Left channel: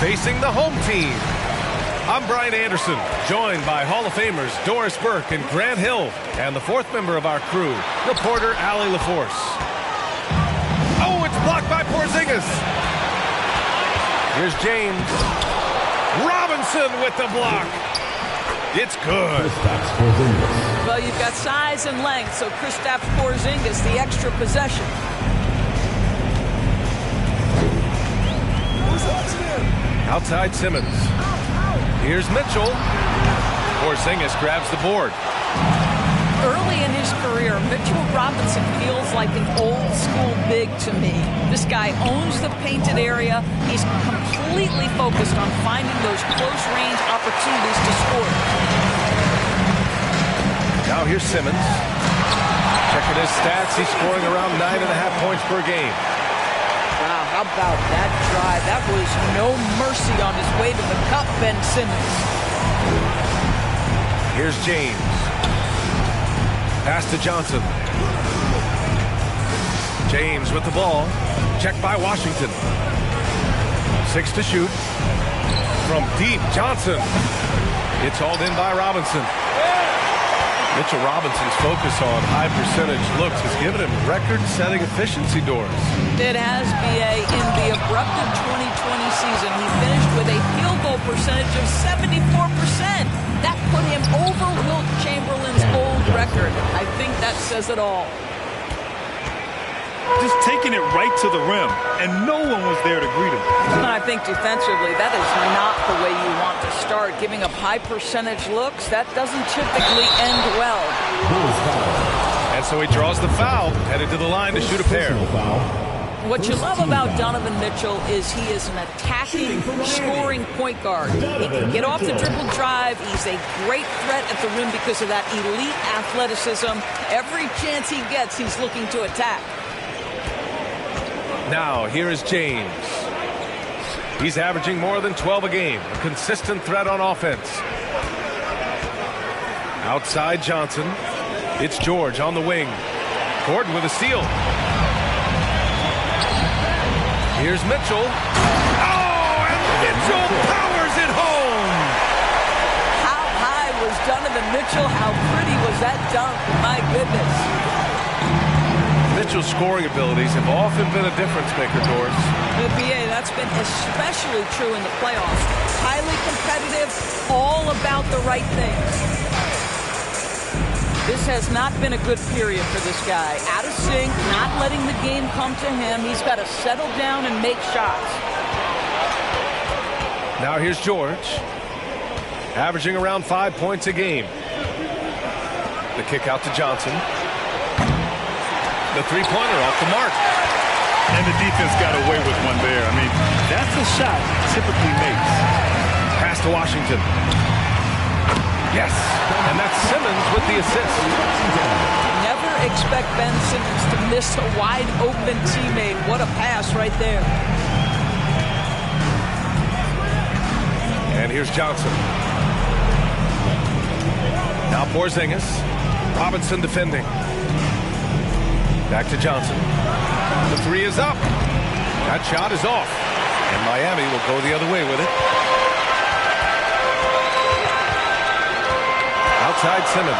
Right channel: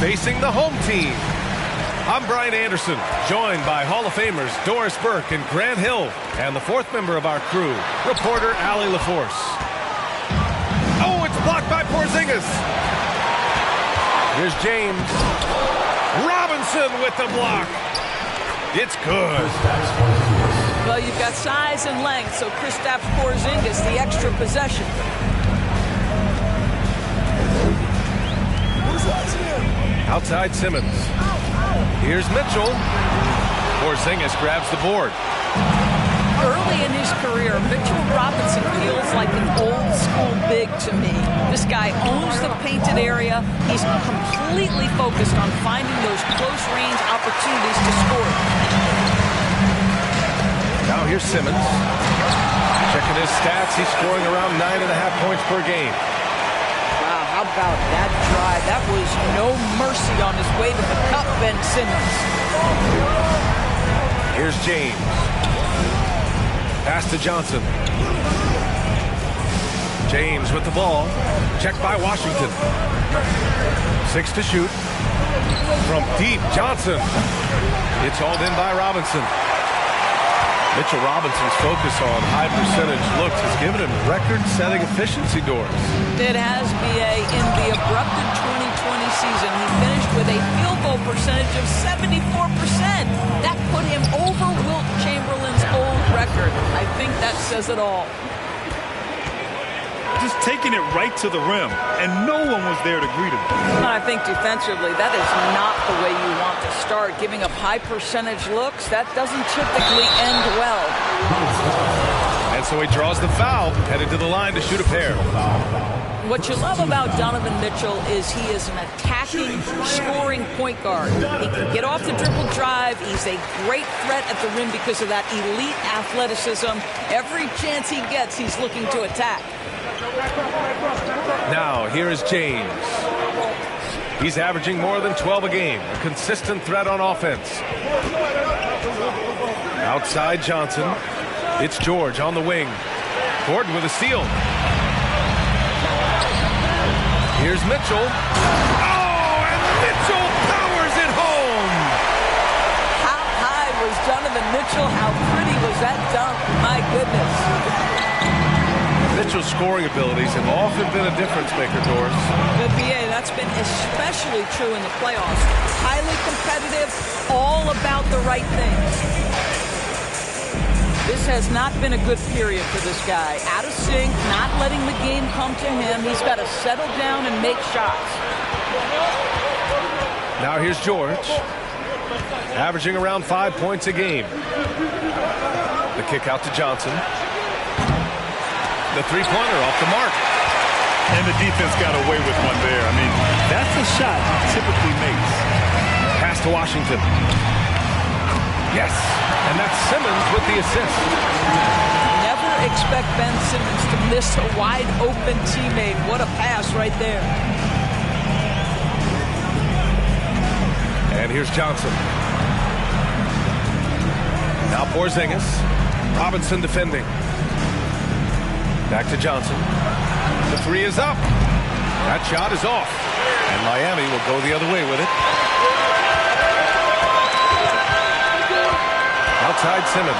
facing the home team. I'm Brian Anderson, joined by Hall of Famers Doris Burke and Grant Hill, and the fourth member of our crew, reporter Allie LaForce. Oh, it's blocked by Porzingis. Here's James. Robinson with the block. It's good. Well, you've got size and length, so Kristaps Porzingis, the extra possession. Outside Simmons. Here's Mitchell. Porzingis grabs the board. Early in his career, Mitchell Robinson feels like an old school big to me. This guy owns the painted area. He's completely focused on finding those close range opportunities to score. Now here's Simmons. Checking his stats, he's scoring around 9.5 points per game. Wow, how about that drive? That was no mercy on his way to the cup, Ben Simmons. Here's James. Pass to Johnson. James with the ball. Checked by Washington. 6 to shoot. From deep, Johnson. It's hauled in by Robinson. Mitchell Robinson's focus on high percentage looks has given him record-setting efficiency, Doris. It has, B.A. In the abrupted 2020 season, he finished with a field goal percentage of 74%. That put him over Wilt Chamberlain's old record. I think that says it all. Just taking it right to the rim, and no one was there to greet him. And I think defensively, that is not the way you want to start. Giving up high percentage looks, that doesn't typically end well. And so he draws the foul, headed to the line to shoot a pair. What you love about Donovan Mitchell is he is an attacking, scoring point guard. He can get off the dribble drive. He's a great threat at the rim because of that elite athleticism. Every chance he gets, he's looking to attack. Now, here is James. He's averaging more than 12 a game, a consistent threat on offense. Outside Johnson. It's George on the wing. Gordon with a steal. Here's Mitchell. Oh, and Mitchell powers it home. How high was Donovan Mitchell? How pretty was that dunk? My goodness. Mitchell's scoring abilities have often been a difference maker, Doris. The BA, that's been especially true in the playoffs. Highly competitive, all about the right things. This has not been a good period for this guy. Out of sync, not letting the game come to him. He's got to settle down and make shots. Now here's George, averaging around 5 points a game. The kick out to Johnson. The three-pointer off the mark. And the defense got away with one there. I mean, that's a shot he typically makes. Pass to Washington. Yes, and that's Simmons with the assist. Never expect Ben Simmons to miss a wide-open teammate. What a pass right there. And here's Johnson. Now Porzingis. Robinson defending. Back to Johnson. The three is up. That shot is off. And Miami will go the other way with it. Outside Simmons.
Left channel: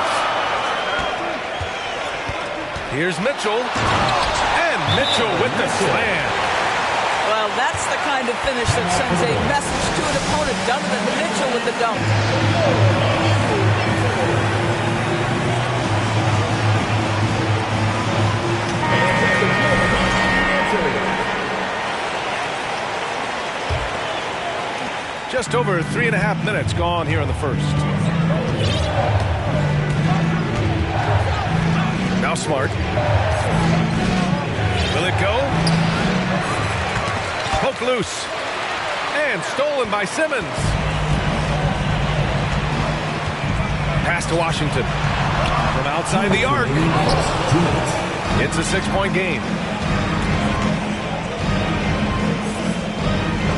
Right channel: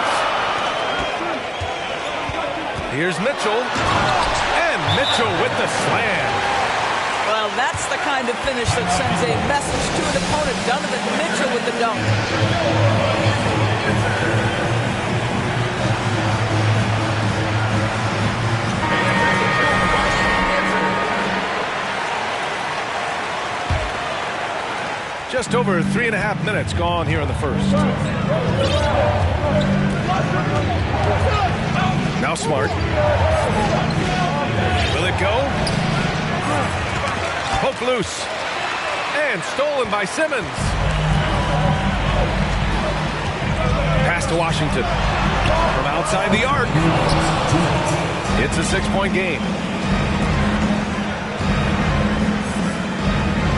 Here's Mitchell. And Mitchell with the slam. Well, that's the kind of finish that sends a message to an opponent. Donovan Mitchell with the dunk. Just over 3.5 minutes gone here in the first. Now Smart. Will it go? Poked loose. And stolen by Simmons. Pass to Washington. From outside the arc. It's a 6-point game.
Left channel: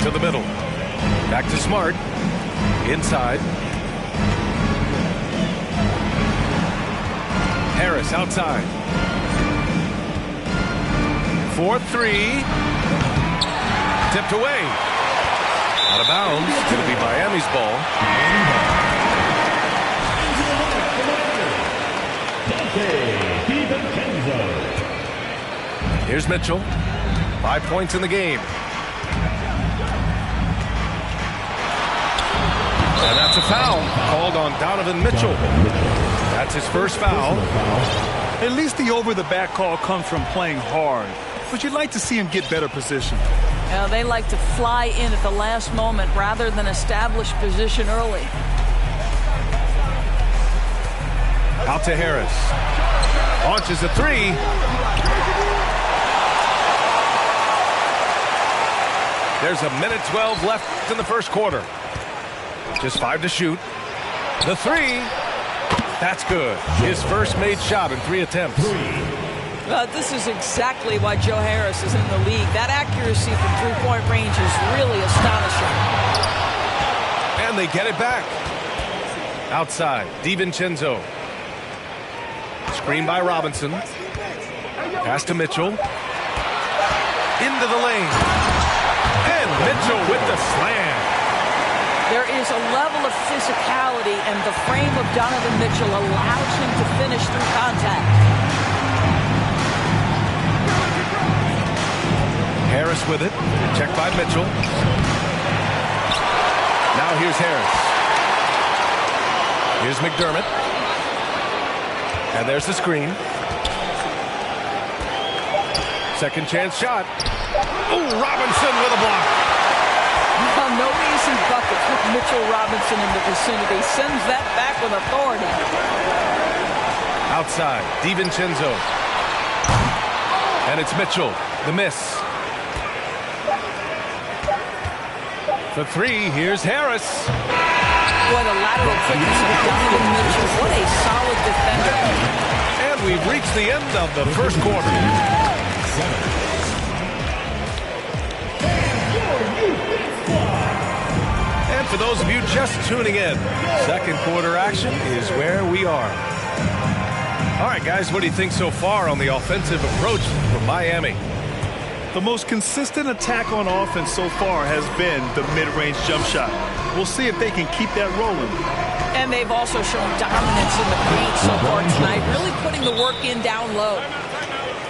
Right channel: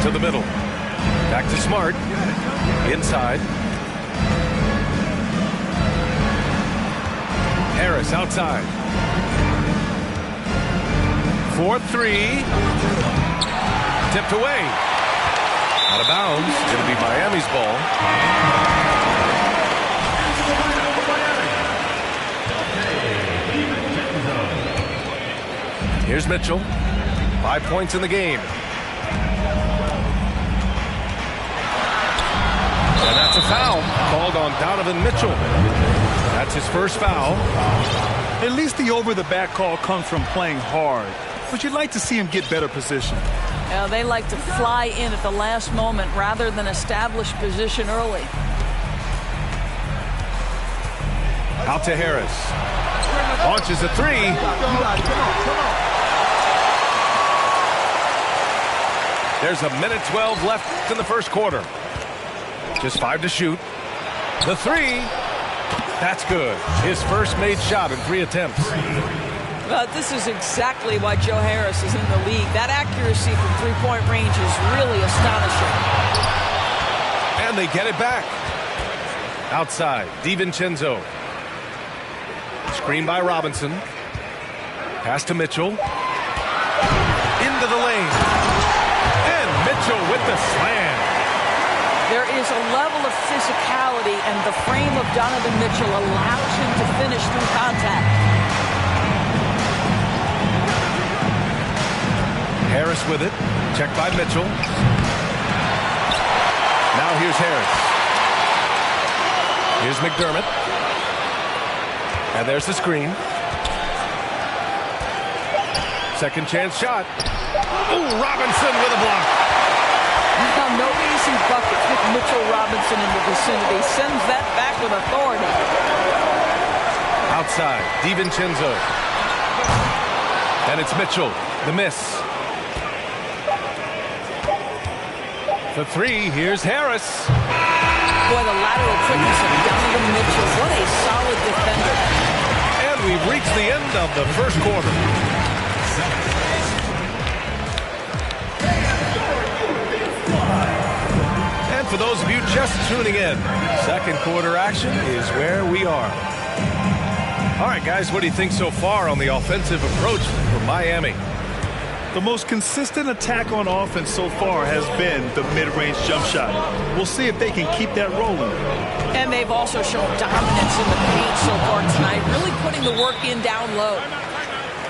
To the middle. Back to Smart. Inside. Harris outside. 4-3. Tipped away. Out Out of bounds. Going to be Miami's ball. Here's Mitchell. 5 points in the game. And that's a foul called on Donovan Mitchell. That's his first foul. At least the over-the-back call comes from playing hard. But you'd like to see him get better position. They like to fly in at the last moment rather than establish position early. Out to Harris. Launches a three. There's 1:12 left in the first quarter. Just 5 to shoot. The three. That's good. His first made shot in 3 attempts. This is exactly why Joe Harris is in the league. That accuracy from three-point range is really astonishing. And they get it back. Outside, DiVincenzo. Screen by Robinson. Pass to Mitchell. Into the lane. And Mitchell with the slam. There is a level of physicality, and the frame of Donovan Mitchell allows him to finish through contact. Harris with it. Checked by Mitchell. Now here's Harris. Here's McDermott. And there's the screen. Second chance shot. Oh, Robinson with a block. Now, no easy buckets with Mitchell Robinson in the vicinity. Sends that back with authority. Outside, DiVincenzo. And it's Mitchell. The miss. The three. Here's Harris. Boy, the lateral quickness of Donovan Mitchell. What a solid defender. And we've reached the end of the first quarter. And for those of you just tuning in, second quarter action is where we are. All right, guys, what do you think so far on the offensive approach for Miami? The most consistent attack on offense so far has been the mid-range jump shot. We'll see if they can keep that rolling. And they've also shown dominance in the paint so far tonight, really putting the work in down low.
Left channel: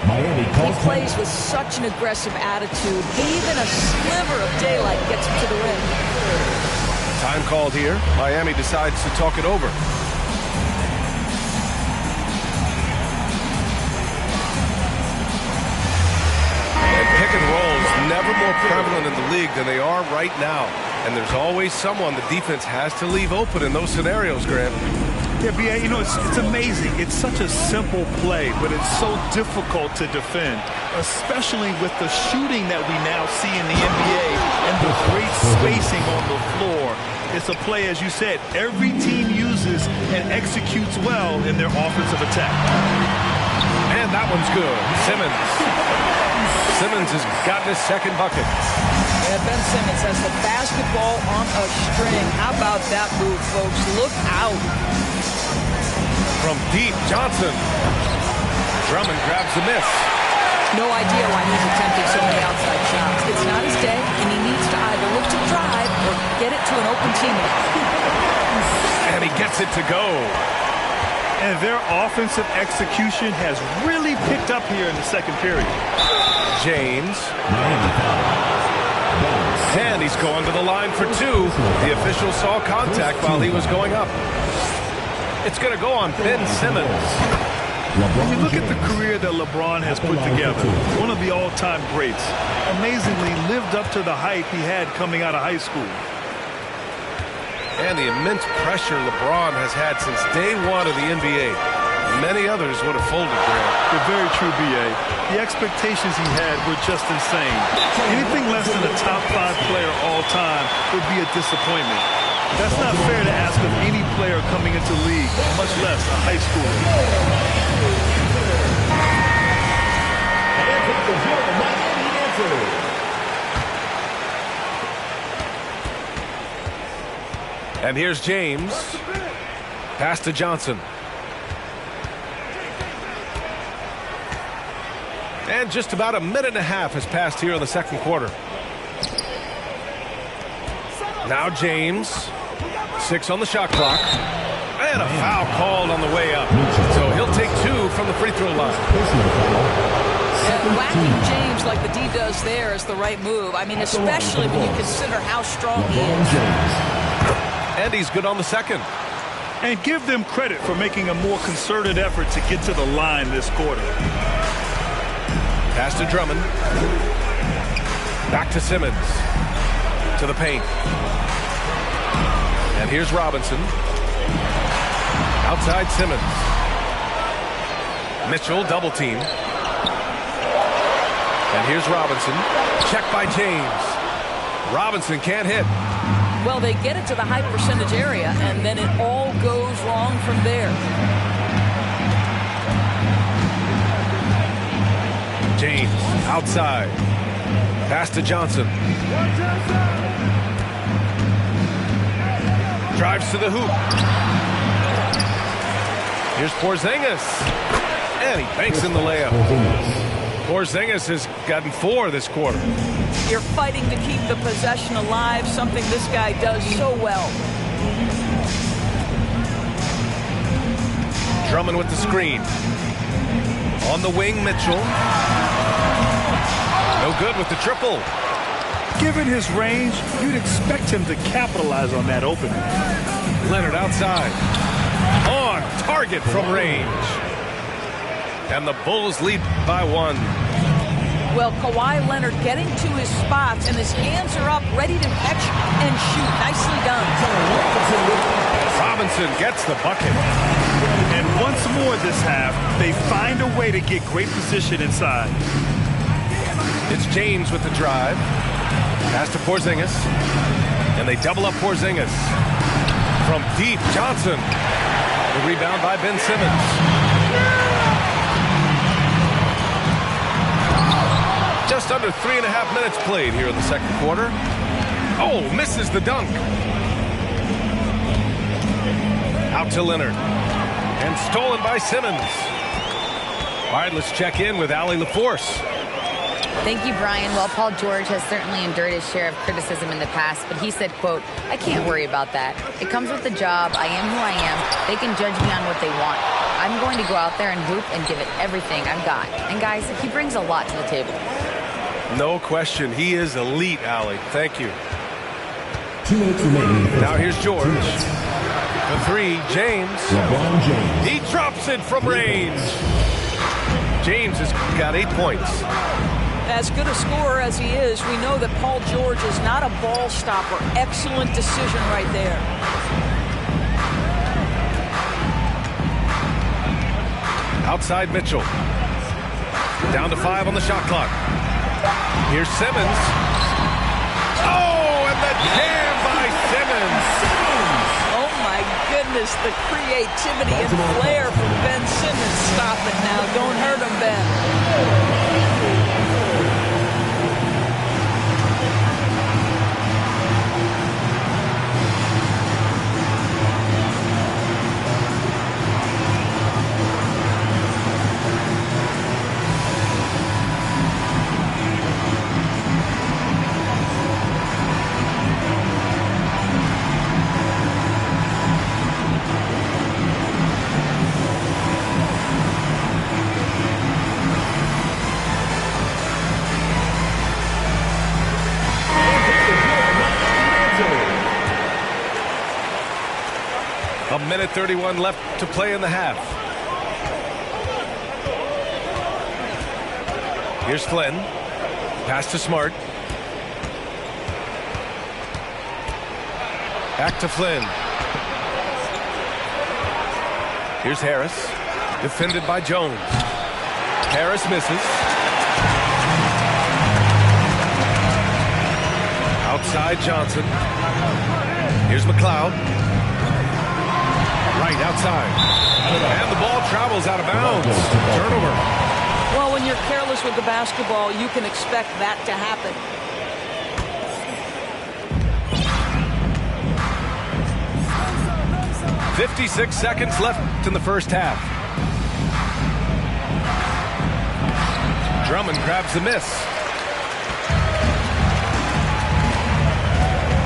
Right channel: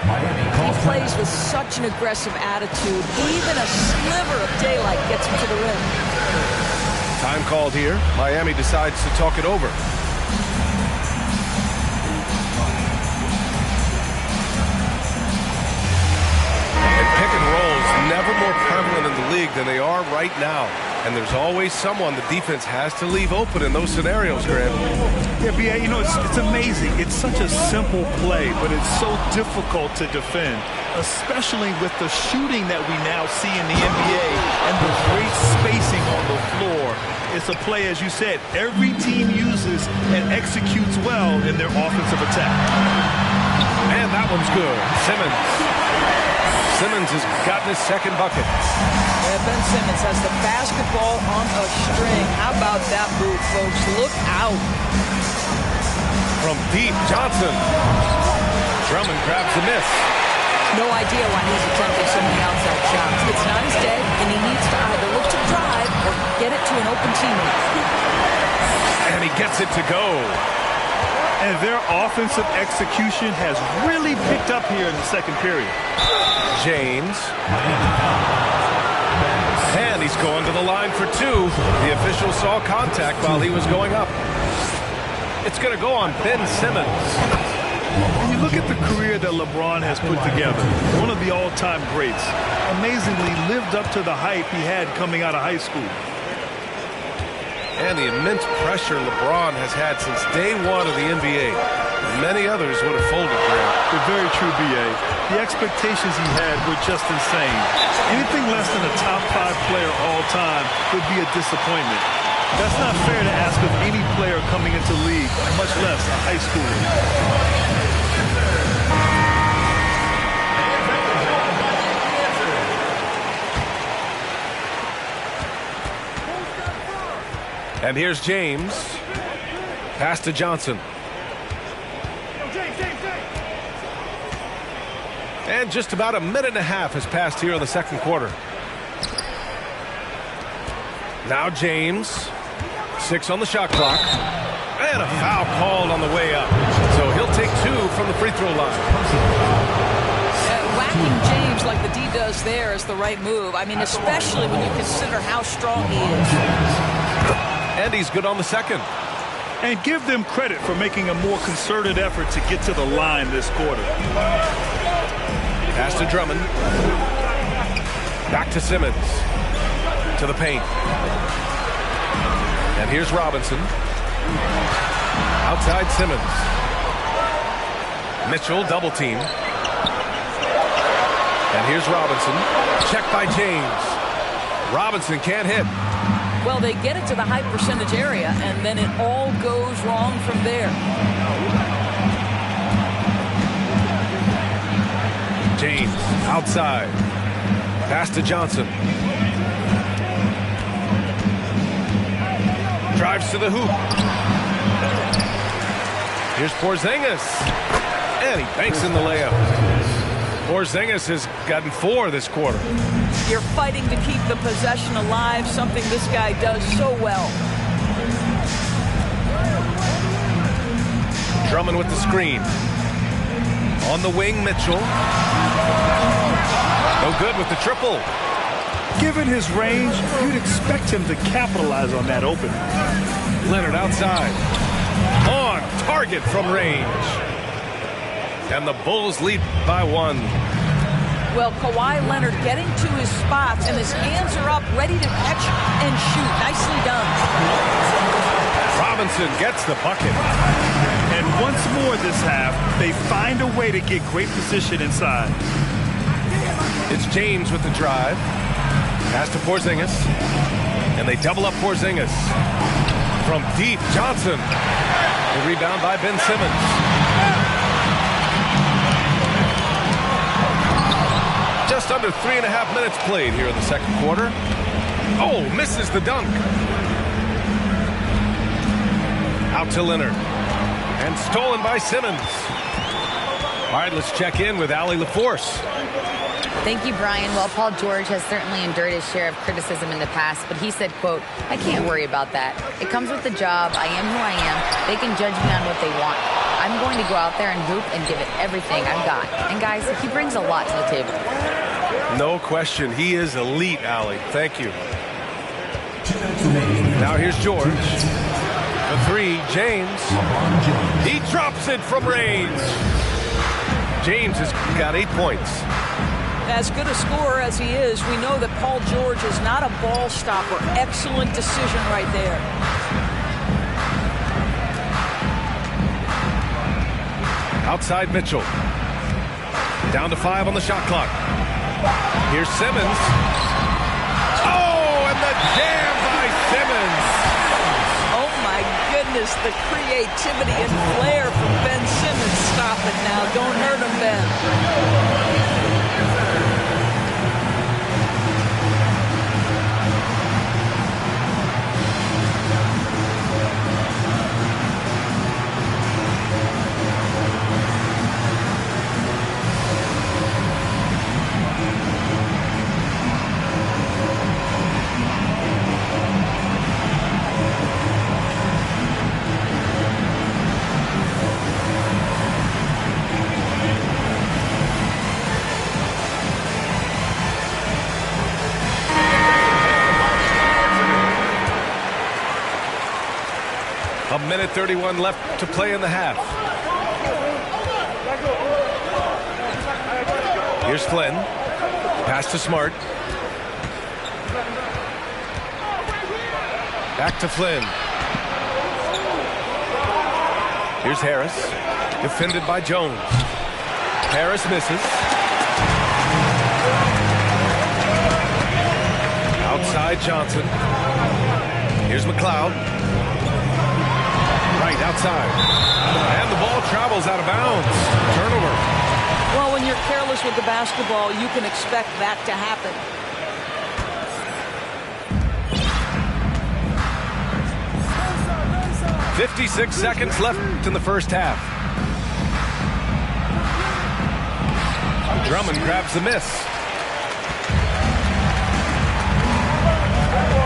He plays with such an aggressive attitude. Even a sliver of daylight gets him to the rim. Time called here. Miami decides to talk it over. And pick and rolls never more prevalent in the league than they are right now. And there's always someone the defense has to leave open in those scenarios, Graham. Yeah, B.A., you know, it's amazing. It's such a simple play, but it's so difficult to defend, especially with the shooting that we now see in the NBA and the great spacing on the floor. It's a play, as you said, every team uses and executes well in their offensive attack. And that one's good. Simmons has gotten his second bucket. Yeah, Ben Simmons has the basketball on a string. How about that move, folks? Look out. From deep, Johnson. Drummond grabs the miss. No idea why he's attempting so many outside shots. It's not his day, and he needs to either look to drive or get it to an open teammate. And he gets it to go. And their offensive execution has really picked up here in the second period. James. And he's going to the line for two. The official saw contact while he was going up. It's going to go on Ben Simmons. When you look at the career that LeBron has put together, one of the all-time greats, amazingly lived up to the hype he had coming out of high school. And the immense pressure LeBron has had since day one of the NBA. Many others would have folded, Grant. They're very true, B.A. The expectations he had were just insane. Anything less than a top 5 player all time would be a disappointment. That's not fair to ask of any player coming into the league, much less a high schooler. And here's James. Pass to Johnson. And just about a minute and a half has passed here in the second quarter. Now James. 6 on the shot clock. And a foul called on the way up. So he'll take 2 from the free throw line. Whacking James like the D does there is the right move. I mean, especially when you consider how strong he is. And he's good on the second. And give them credit for making a more concerted effort to get to the line this quarter. Pass to Drummond. Back to Simmons. To the paint. And here's Robinson. Outside Simmons. Mitchell double team. And here's Robinson. Check by James. Robinson can't hit. Well, they get it to the high percentage area, and then it all goes wrong from there. James outside. Pass to Johnson. Drives to the hoop. Here's Porzingis. And he banks in the layup. Porzingis has gotten 4 this quarter. You're fighting to keep the possession alive, something this guy does so well. Drummond with the screen. On the wing, Mitchell. No good with the triple. Given his range, you'd expect him to capitalize on that opening. Leonard outside. On target from range. And the Bulls lead by 1. Well, Kawhi Leonard getting to his spots, and his hands are up, ready to catch and shoot. Nicely done. Robinson gets the bucket. And once more this half, they find a way to get great position inside. It's James with the drive. Pass to Porzingis. And they double up Porzingis. From deep, Johnson. The rebound by Ben Simmons. Just under 3.5 minutes played here in the second quarter. Oh, misses the dunk. Out to Leonard. And stolen by Simmons. All right, let's check in with Allie LaForce. Thank you, Brian. Well, Paul George has certainly endured his share of criticism in the past, but he said, quote, "I can't worry about that. It comes with the job. I am who I am. They can judge me on what they want. I'm going to go out there and hoop and give it everything I've got." And guys, he brings a lot to the table. No question. He is elite, Allie. Thank you. 2 minutes remaining. Now here's George. The 3, James. He drops it from range. James has got 8 points. As good a scorer as he is, we know that Paul George is not a ball stopper. Excellent decision right there. Outside Mitchell. Down to 5 on the shot clock. Here's Simmons. Oh, and the jam by Simmons. Oh, my goodness, the creativity and flair from Ben Simmons. Stop it now. Don't hurt him, Ben. A minute 31 left to play in the half. Here's Flynn. Pass to Smart. Back to Flynn. Here's Harris. Defended by Jones. Harris misses. Outside Johnson. Here's McLeod. Right outside. And the ball travels out of bounds. Turnover. Well, when you're careless with the basketball, you can expect that to happen. .56 seconds left in the first half. Drummond grabs the miss.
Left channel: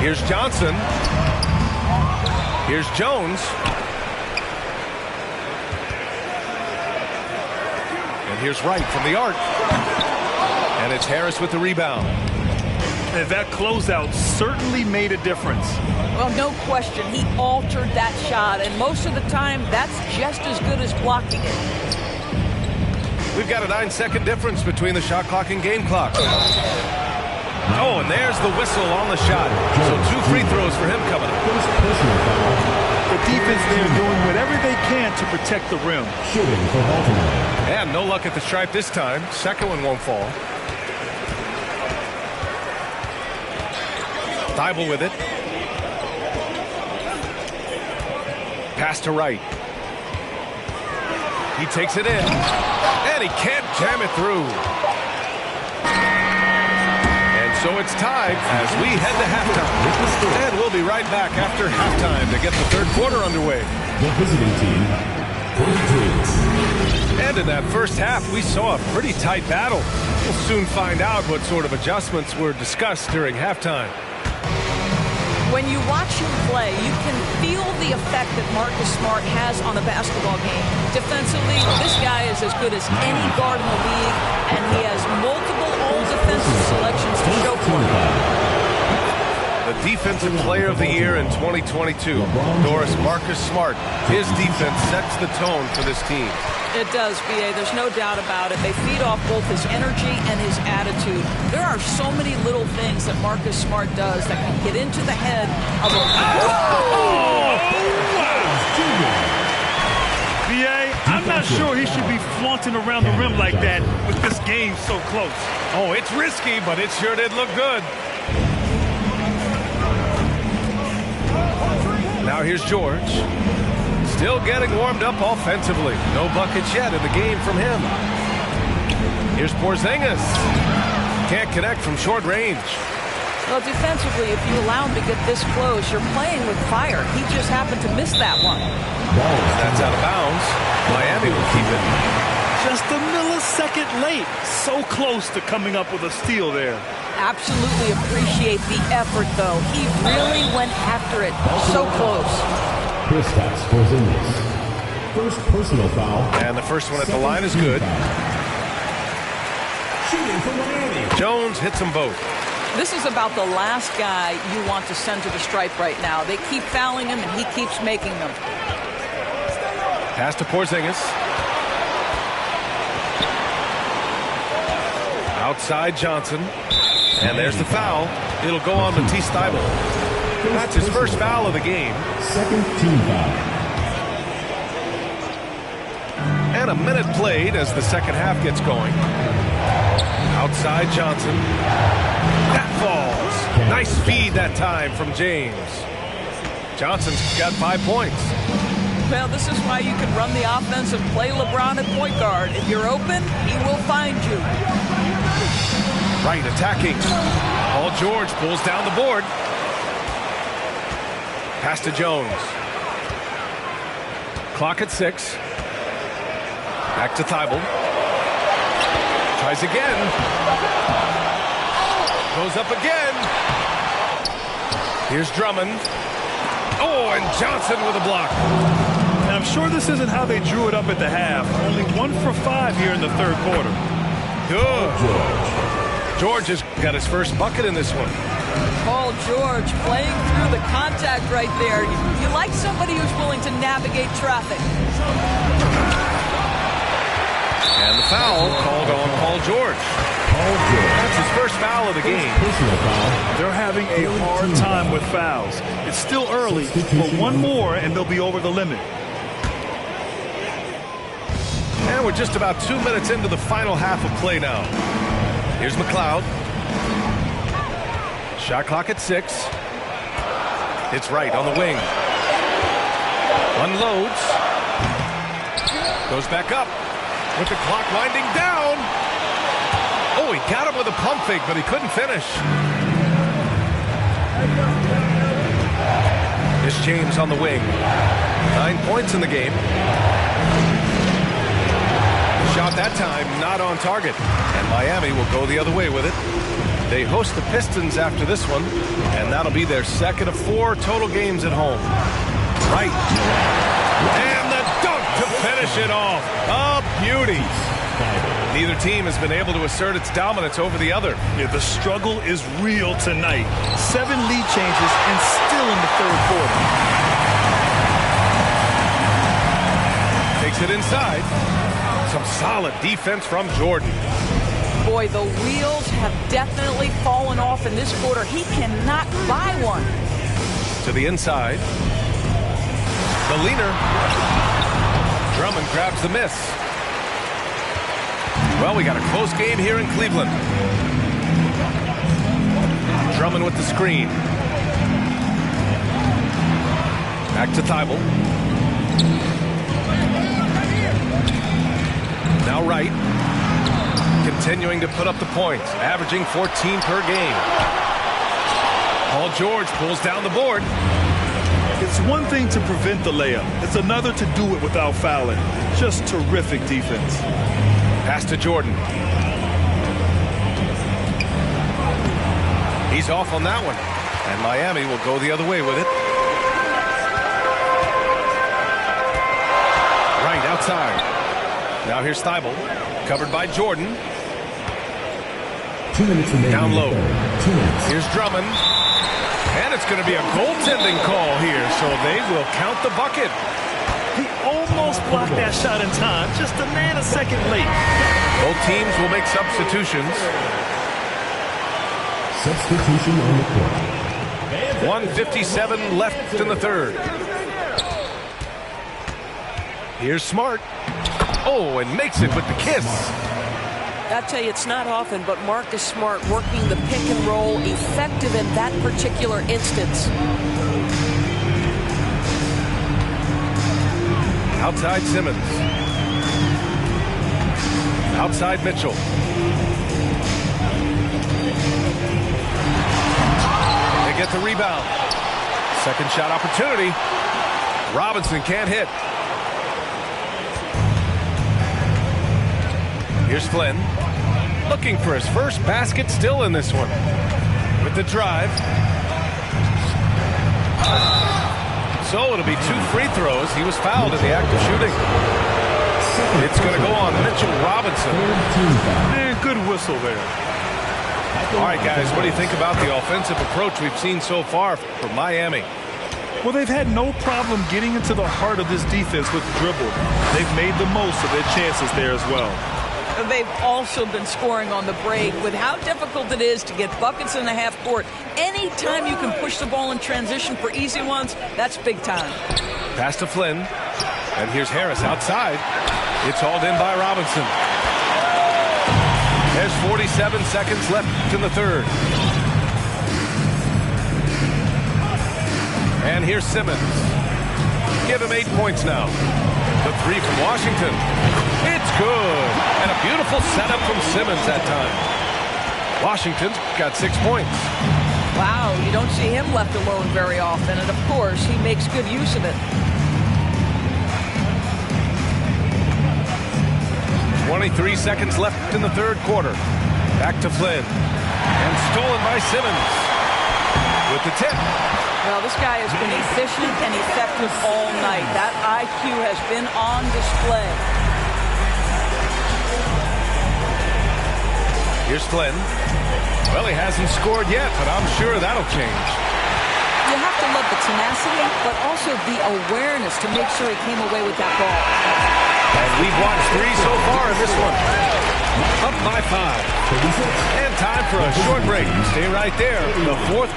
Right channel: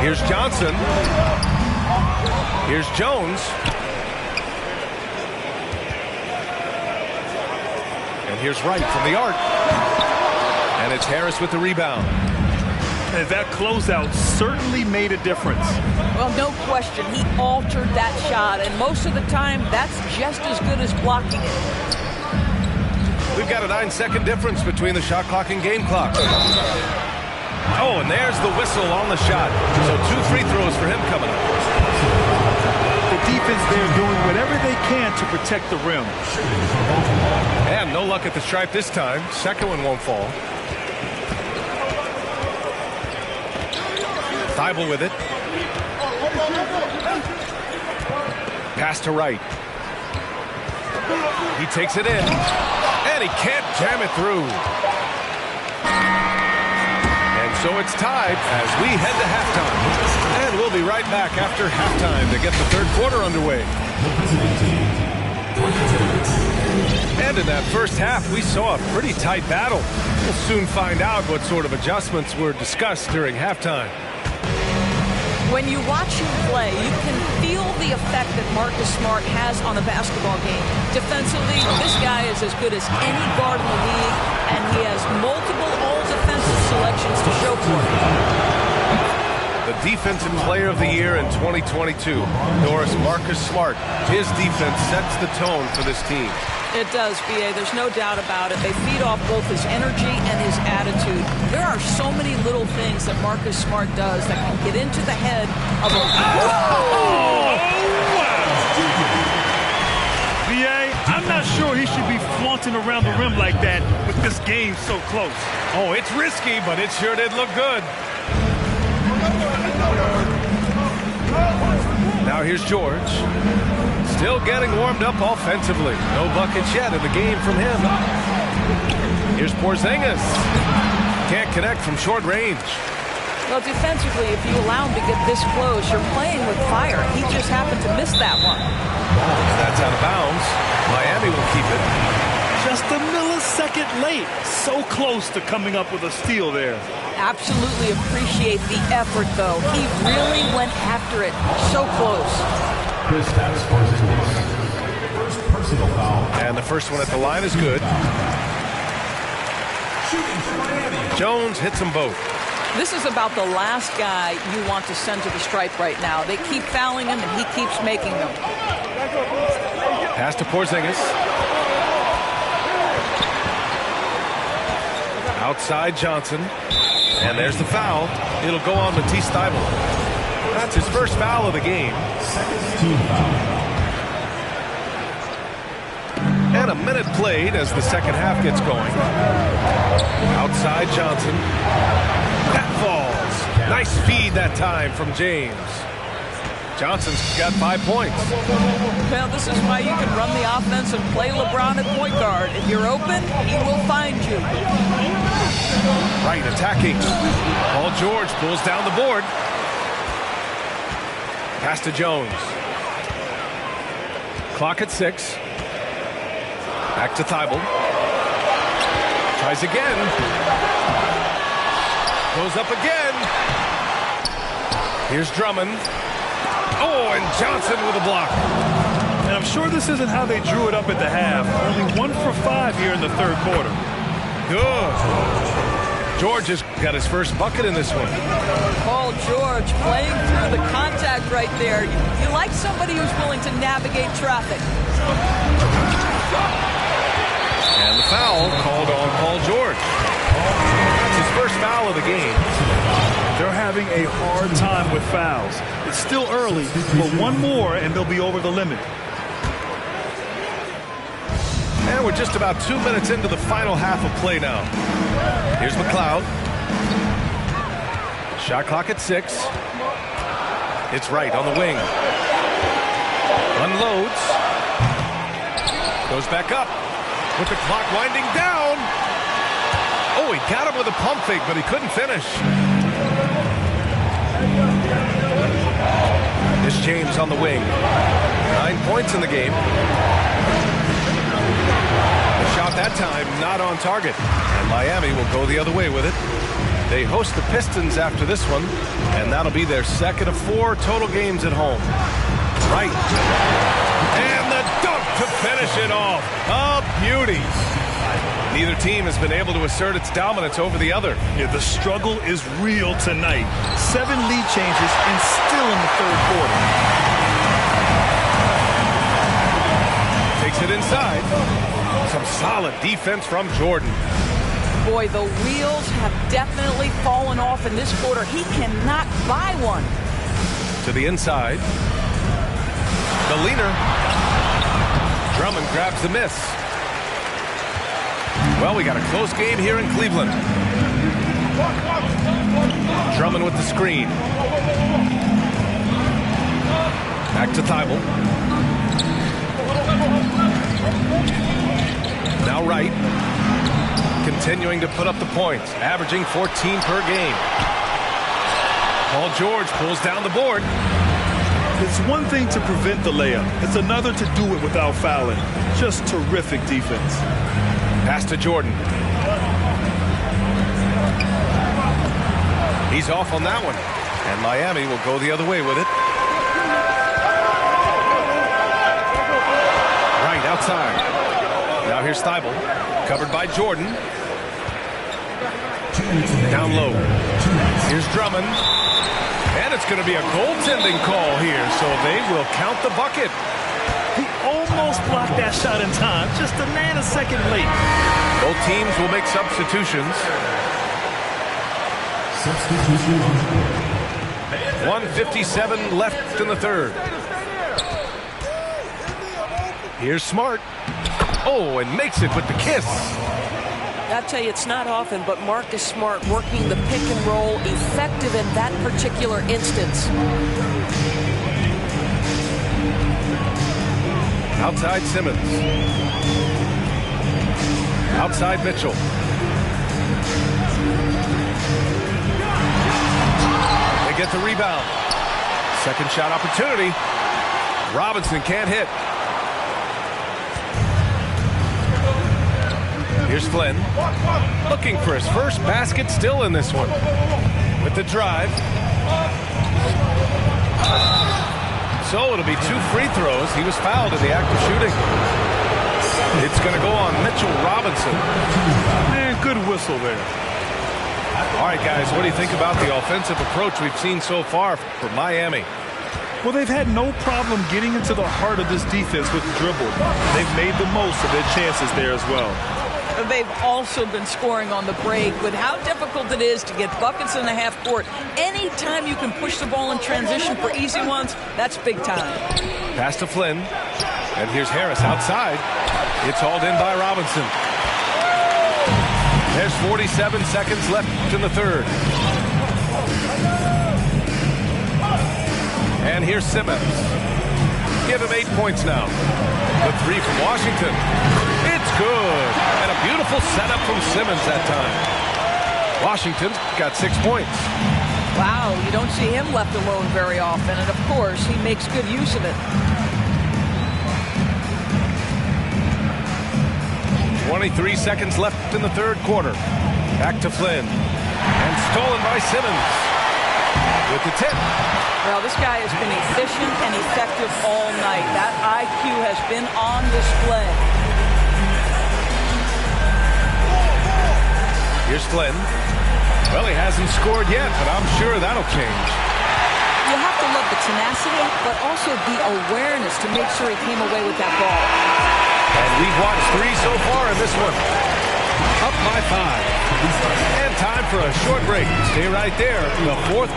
Here's Johnson. Here's Jones. And here's Wright from the arc. And it's Harris with the rebound. And that closeout certainly made a difference. Well, no question. He altered that shot, and most of the time, that's just as good as blocking it. We've got a 9-second difference between the shot clock and game clock. Oh, and there's the whistle on the shot. So 2 free throws for him coming up. The defense there doing whatever they can to protect the rim. And no luck at the stripe this time. Second one won't fall. Thibault with it. Pass to Wright. He takes it in. And he can't jam it through. And so it's tied as we head to halftime. And we'll be right back after halftime to get the third quarter underway. The visiting team. And in that first half, we saw a pretty tight battle. We'll soon find out what sort of adjustments were discussed during halftime. When you watch him play, you can feel the effect that Marcus Smart has on a basketball game. Defensively, this guy is as good as any guard in the league, and he has multiple all-defensive selections to show for it. The Defensive Player of the Year in 2022, Doris, Marcus Smart. His defense sets the tone for this team. It does, B.A. There's no doubt about it. They feed off both his energy and his attitude. There are so many little things that Marcus Smart does that can get into the head of a... Oh, wow! B.A., I'm not sure he should be flaunting around the rim like that with this game so close. Oh, it's risky, but it sure did look good. Now here's George. Still getting warmed up offensively. No buckets yet in the game from him. Here's Porzingis. Can't connect from short range. Well, defensively, if you allow him to get this close, you're playing with fire. He just happened to miss that one. That's out of bounds. Miami will keep it. Just a millisecond late. So close to coming up with a steal there. Absolutely appreciate the effort, though. He really went after it. So close. Kristaps Porzingis. First personal foul. And the first one at the line is good. Shooting for Miami. Jones hits them both. This is about the last guy you want to send to the stripe right now. They keep fouling him, and he keeps making them. Pass to Porzingis. Outside Johnson. And there's the foul. It'll go on Matisse Thibault. That's his first foul of the game. Second team foul. And a minute played as the second half gets going. Outside Johnson. That falls. Nice feed that time from James. Johnson's got 5 points. Well, this is why you can run the offense and play LeBron at point guard. If you're open, he will find you. Right attacking. Paul George pulls down the board. Pass to Jones. Clock at 6. Back to Thibault. Tries again. Goes up again. Here's Drummond. Oh, and Johnson with a block. And I'm sure this isn't how they drew it up at the half. Only 1 for 5 here in the third quarter. Good. George has got his first bucket in this one. Paul George playing through the contact right there. You like somebody who's willing to navigate traffic. And the foul called on Paul George. That's his first foul of the game. They're having a hard time with fouls. It's still early, but one more and they'll be over the limit. And we're just about 2 minutes into the final half of play now. Here's McLeod. Shot clock at 6. It's Wright on the wing. Unloads. Goes back up with the clock winding down. Oh, he got him with a pump fake, but he couldn't finish. It's James on the wing. 9 points in the game. The shot that time not on target. And Miami will go the other way with it. They host the Pistons after this one, and that'll be their second of 4 total games at home. Right. And the dunk to finish it off. A beauty. Neither team has been able to assert its dominance over the other. Yeah, the struggle is real tonight. 7 lead changes and still in the third quarter. Takes it inside. Some solid defense from Jordan. Boy, the wheels have definitely fallen off in this quarter. He cannot buy one. To the inside. The leaner. Drummond grabs the miss. Well, we got a close game here in Cleveland. Drummond with the screen. Back to Thibault. Now Wright. Continuing to put up the points, averaging 14 per game. Paul George pulls down the board. It's one thing to prevent the layup. It's another to do it without fouling. Just terrific defense. Pass to Jordan. He's off on that one. And Miami will go the other way with it. Right outside. Now here's Thibault. Covered by Jordan. 2 minutes and Down low. 2 minutes. Here's Drummond. And it's going to be a goaltending call here, so they will count the bucket. He almost blocked that shot in time, just a nanosecond late. Both teams will make substitutions. Substitution on the court. 1:57 left in the third. Here's Smart. Oh, and makes it with the kiss. I tell you, it's not often, but Marcus Smart working the pick and roll, effective in that particular instance. Outside Simmons. Outside Mitchell. They get the rebound. Second shot opportunity. Robinson can't hit. Here's Flynn. Looking for his first basket, still in this one. With the drive. So it'll be 2 free throws. He was fouled in the act of shooting. It's going to go on Mitchell Robinson. Man, good whistle there. All right, guys, what do you think about the offensive approach we've seen so far from Miami? Well, they've had no problem getting into the heart of this defense with the dribble. They've made the most of their chances there as well. They've also been scoring on the break. With how difficult it is to get buckets in the half court, anytime you can push the ball in transition for easy ones, that's big time. Pass to Flynn. And here's Harris outside. It's hauled in by Robinson. There's 47 seconds left in the third. And here's Simmons. Give him 8 points now. The 3 from Washington. It's good. And a beautiful setup from Simmons that time. Washington's got 6 points. Wow, you don't see him left alone very often. And, of course, he makes good use of it. 23 seconds left in the third quarter. Back to Flynn. And stolen by Simmons. With the tip. Well, this guy has been efficient and effective all night. That IQ has been on display. Here's Flynn. Well, he hasn't scored yet, but I'm sure that'll change. You have to love the tenacity, but also the awareness to make sure he came away with that ball. And we've watched 3 so far in this one. Up by 5. And time for a short break. Stay right there. The fourth.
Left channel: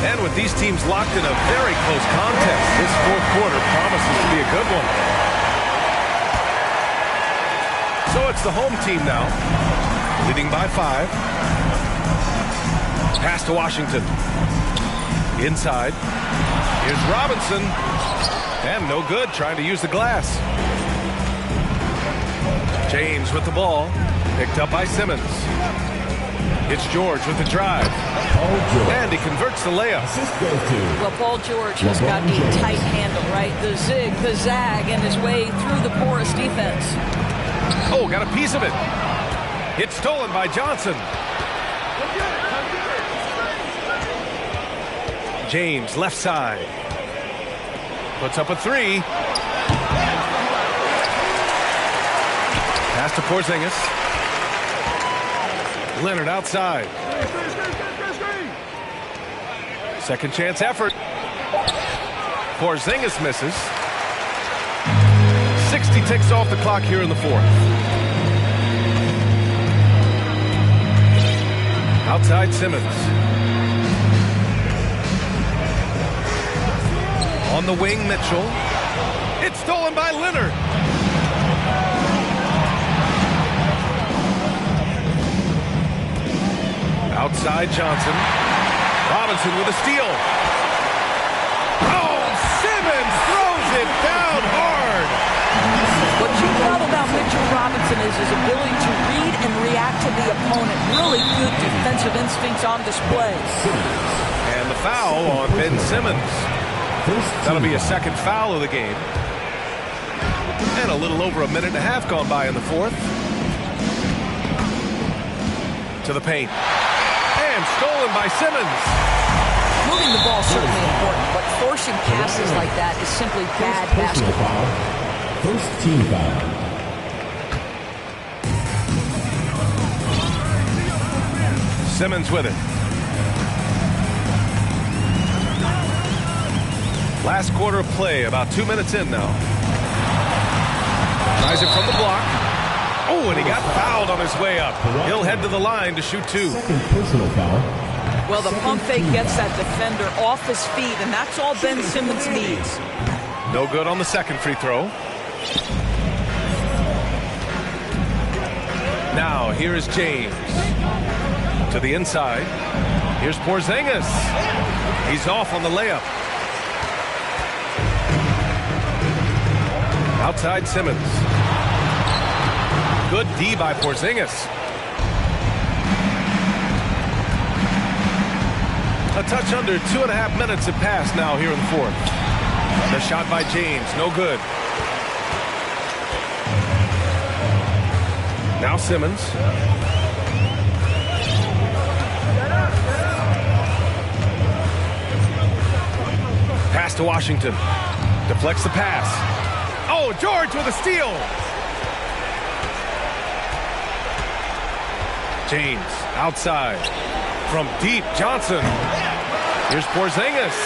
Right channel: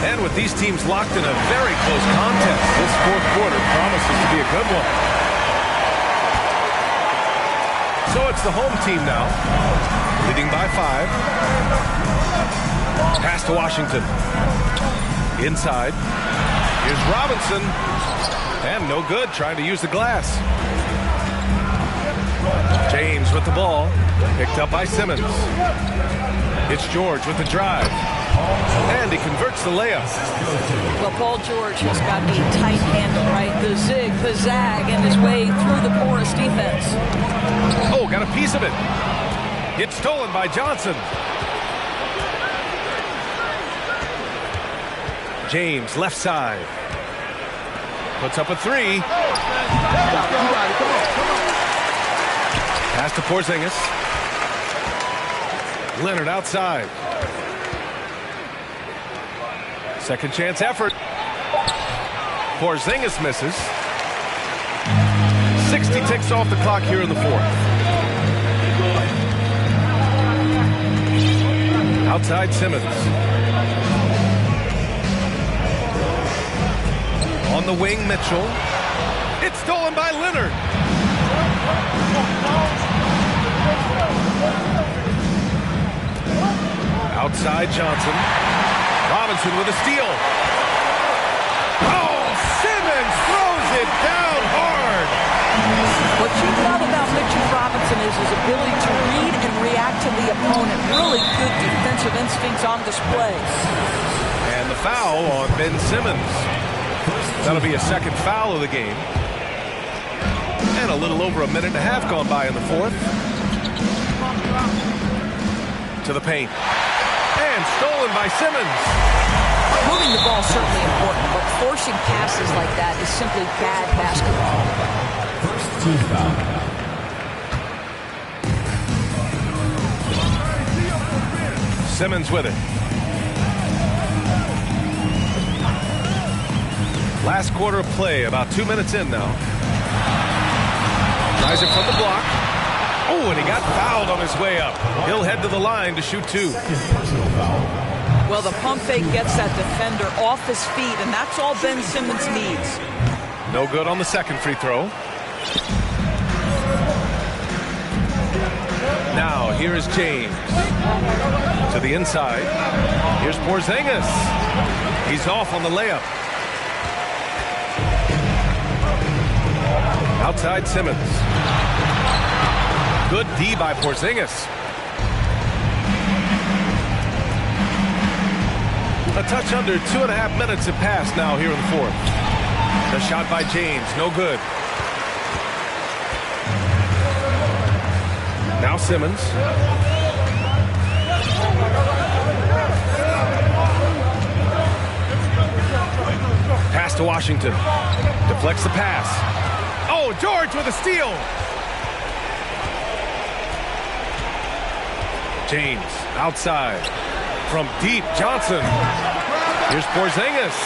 And with these teams locked in a very close contest, this fourth quarter promises to be a good one. So it's the home team now, leading by 5. Pass to Washington. Inside. Here's Robinson. And no good, trying to use the glass. James with the ball. Picked up by Simmons. It's George with the drive. And he converts the layup. Well, Paul George has got a tight handle, right? The zig, the zag, and his way through the porous defense. Oh, got a piece of it. It's stolen by Johnson. James, left side. Puts up a three. Pass to Porzingis. Leonard outside. Second chance effort. Porzingis misses. 60 ticks off the clock here in the fourth. Outside Simmons. On the wing, Mitchell. It's stolen by Leonard. Outside Johnson. Robinson with a steal. Oh, Simmons throws it down hard. What you love about Mitchell Robinson is his ability to read and react to the opponent. Really good defensive instincts on display. And the foul on Ben Simmons. That'll be a second foul of the game. And a little over a minute and a half gone by in the fourth. To the paint. And stolen by Simmons. Moving the ball is certainly important, but forcing passes like that is simply bad basketball. First team foul. Simmons with it. Last quarter of play, about 2 minutes in now. Tries it from the block. Oh, and he got fouled on his way up. He'll head to the line to shoot two. Second personal foul. Well, the pump fake gets that defender off his feet, and that's all Ben Simmons needs. No good on the second free throw. Now, here is James. To the inside. Here's Porzingis. He's off on the layup. Outside Simmons. Good D by Porzingis. A touch under 2.5 minutes have passed now here in the fourth. The shot by James, no good. Now Simmons. Pass to Washington. Deflects the pass. Oh, George with a steal. James outside. From deep, Johnson. Here's Porzingis.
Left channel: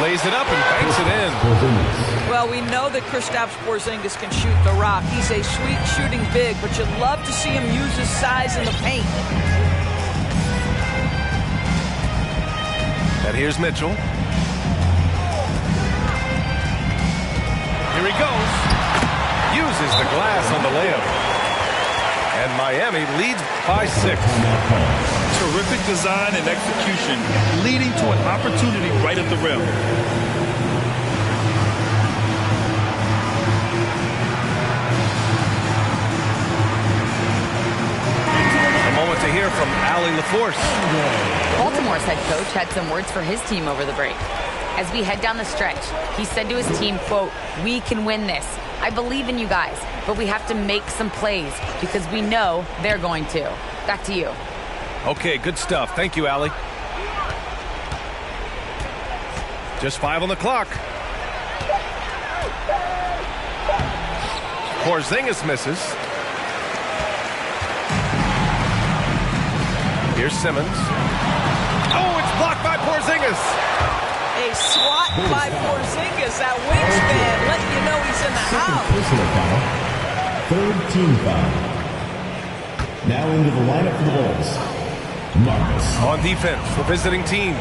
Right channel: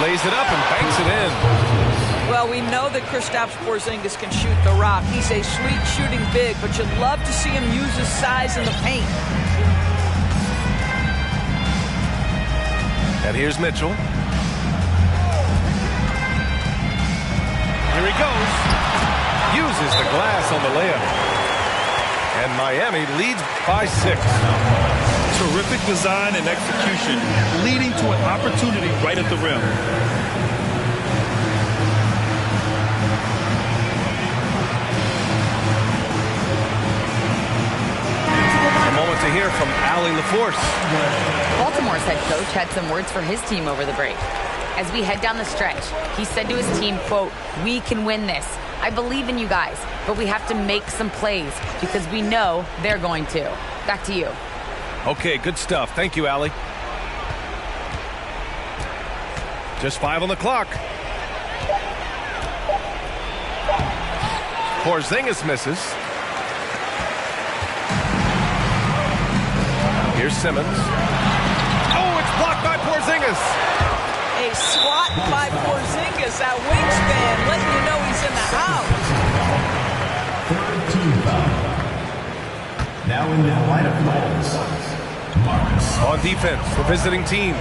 Lays it up and banks it in. Well, we know that Kristaps Porzingis can shoot the rock. He's a sweet shooting big, but you'd love to see him use his size in the paint. And here's Mitchell. Here he goes. Uses the glass on the layup. And Miami leads by 6. Terrific design and execution, leading to an opportunity right at the rim. A moment to hear from Allie LaForce. Baltimore's head coach had some words for his team over the break. As we head down the stretch, he said to his team, quote, "We can win this. I believe in you guys, but we have to make some plays because we know they're going to." Back to you. Okay, good stuff. Thank you, Allie. Just 5 on the clock. Porzingis misses. Here's Simmons. Oh, it's blocked by Porzingis. A swat by Porzingis, that wingspan, letting you know he's in the house. Personal foul. Third team foul. Now into the lineup for the Bulls. Marcus. On defense, the visiting team.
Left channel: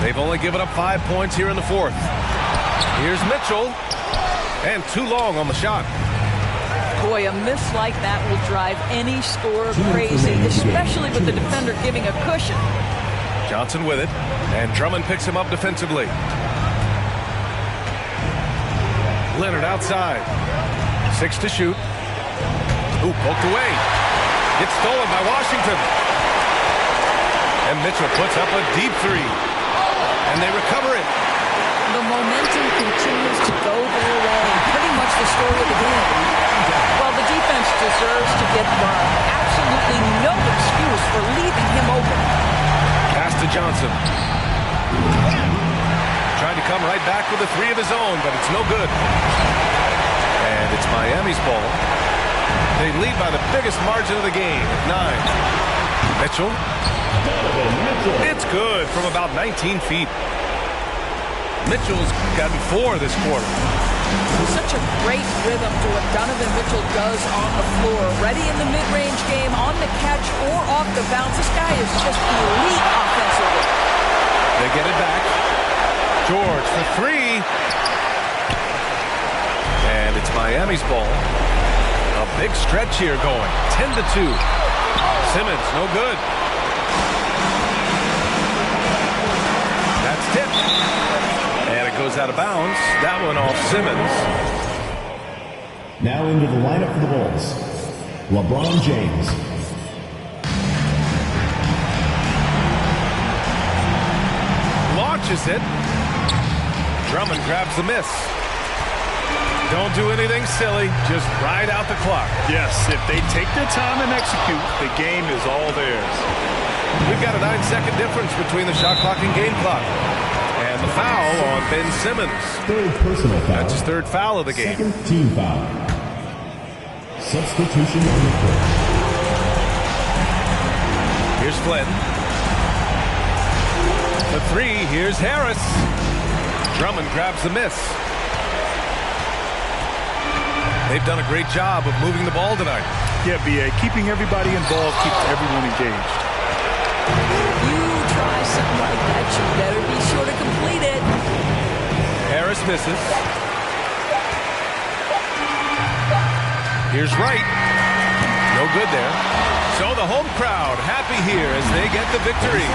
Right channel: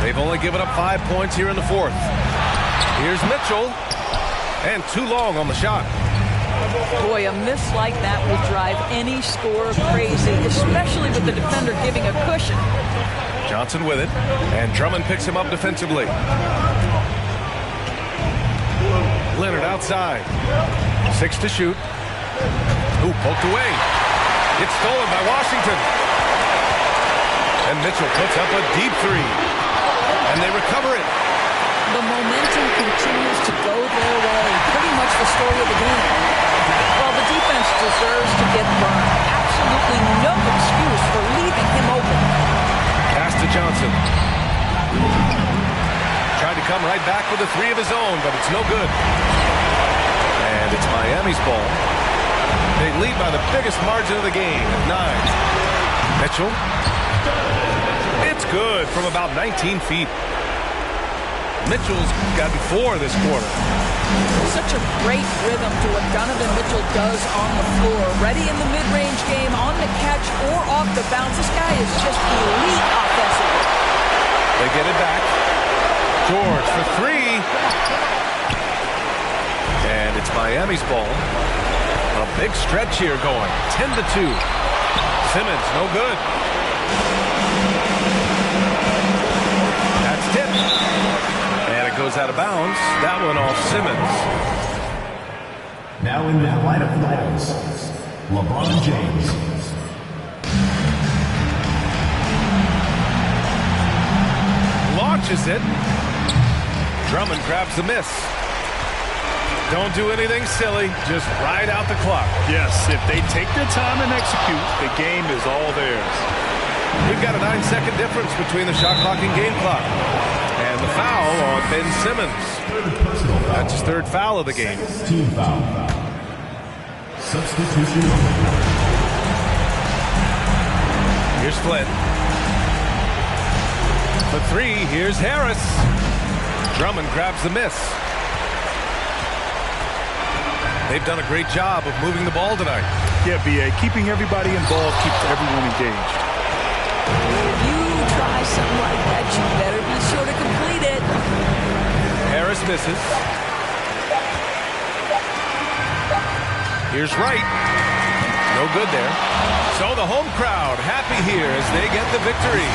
They've only given up 5 points here in the fourth. Here's Mitchell. And too long on the shot. Boy, a miss like that will drive any scorer crazy, especially with the defender giving a cushion. Johnson with it. And Drummond picks him up defensively. Leonard outside. 6 to shoot. Ooh, poked away. It's stolen by Washington. And Mitchell puts up a deep 3. And they recover it. The momentum continues to go their way. Pretty much the story of the game. Well, the defense deserves to get burned. Absolutely no excuse for leaving him open. Pass to Johnson. Tried to come right back with a three of his own, but it's no good. And it's Miami's ball. They lead by the biggest margin of the game at 9. Mitchell. It's good from about 19 feet. Mitchell's gotten 4 this quarter. Such a great rhythm to what Donovan Mitchell does on the floor. Ready in the mid-range game, on the catch, or off the bounce. This guy is just elite offensively. They get it back. George for 3. And it's Miami's ball. A big stretch here going. 10-2. Simmons, no good. That's tipped. And it goes out of bounds. That one off Simmons. Now into the lineup for the Bulls, LeBron James. Launches it. Drummond grabs the miss. Don't do anything silly. Just ride out the clock. Yes, if they take their time and execute, the game is all theirs. We've got a 9-second difference between the shot clock and game clock. And the foul on Ben Simmons. Third personal foul. That's his 3rd foul of the game. Second team foul. Substitution on the court. Here's Flynn. For 3, here's Harris. Drummond grabs the miss. They've done a great job of moving the ball tonight. Yeah, B.A., keeping everybody involved keeps everyone engaged. If you try something like that, you better be sure to complete it. Harris misses. Here's Wright. No good there. So the home crowd happy here as they get the victory.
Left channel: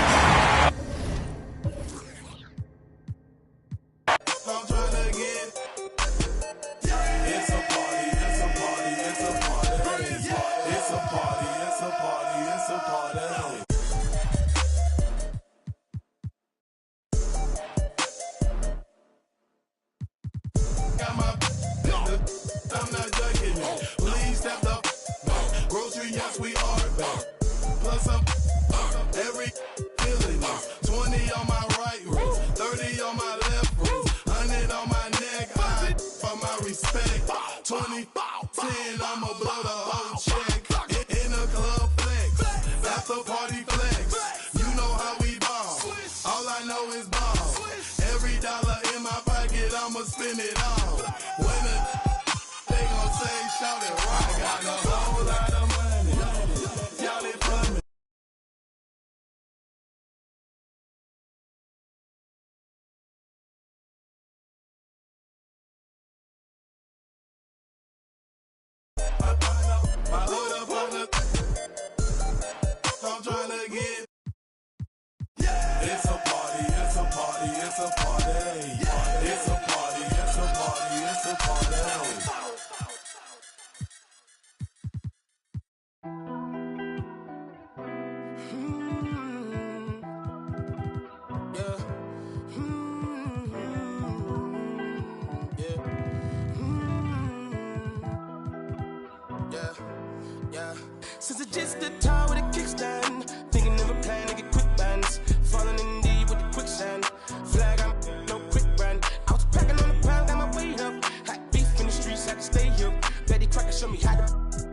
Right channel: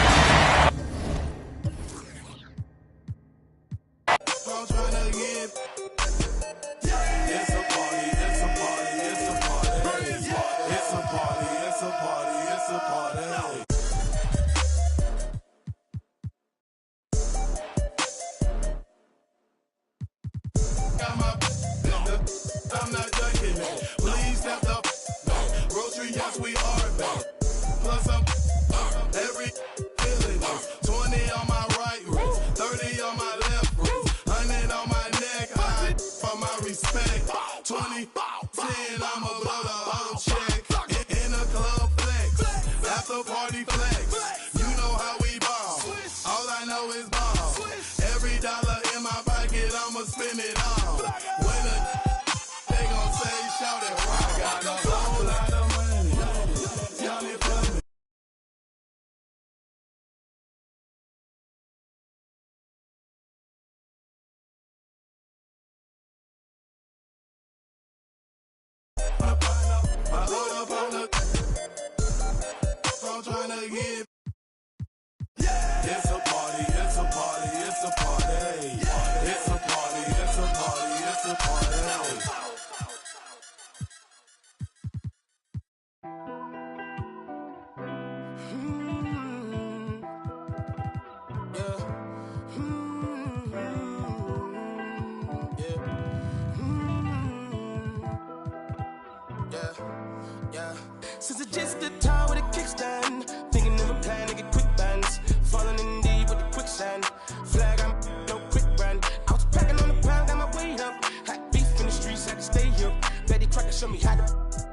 Since it's just the time with a kickstand, thinking of a plan to get quick bands, falling in deep with the quicksand. Flag, I'm no quick brand. I was packing on the pound, got my weight up. Hot beef in the streets, had to stay here. Betty Crocker show me how to,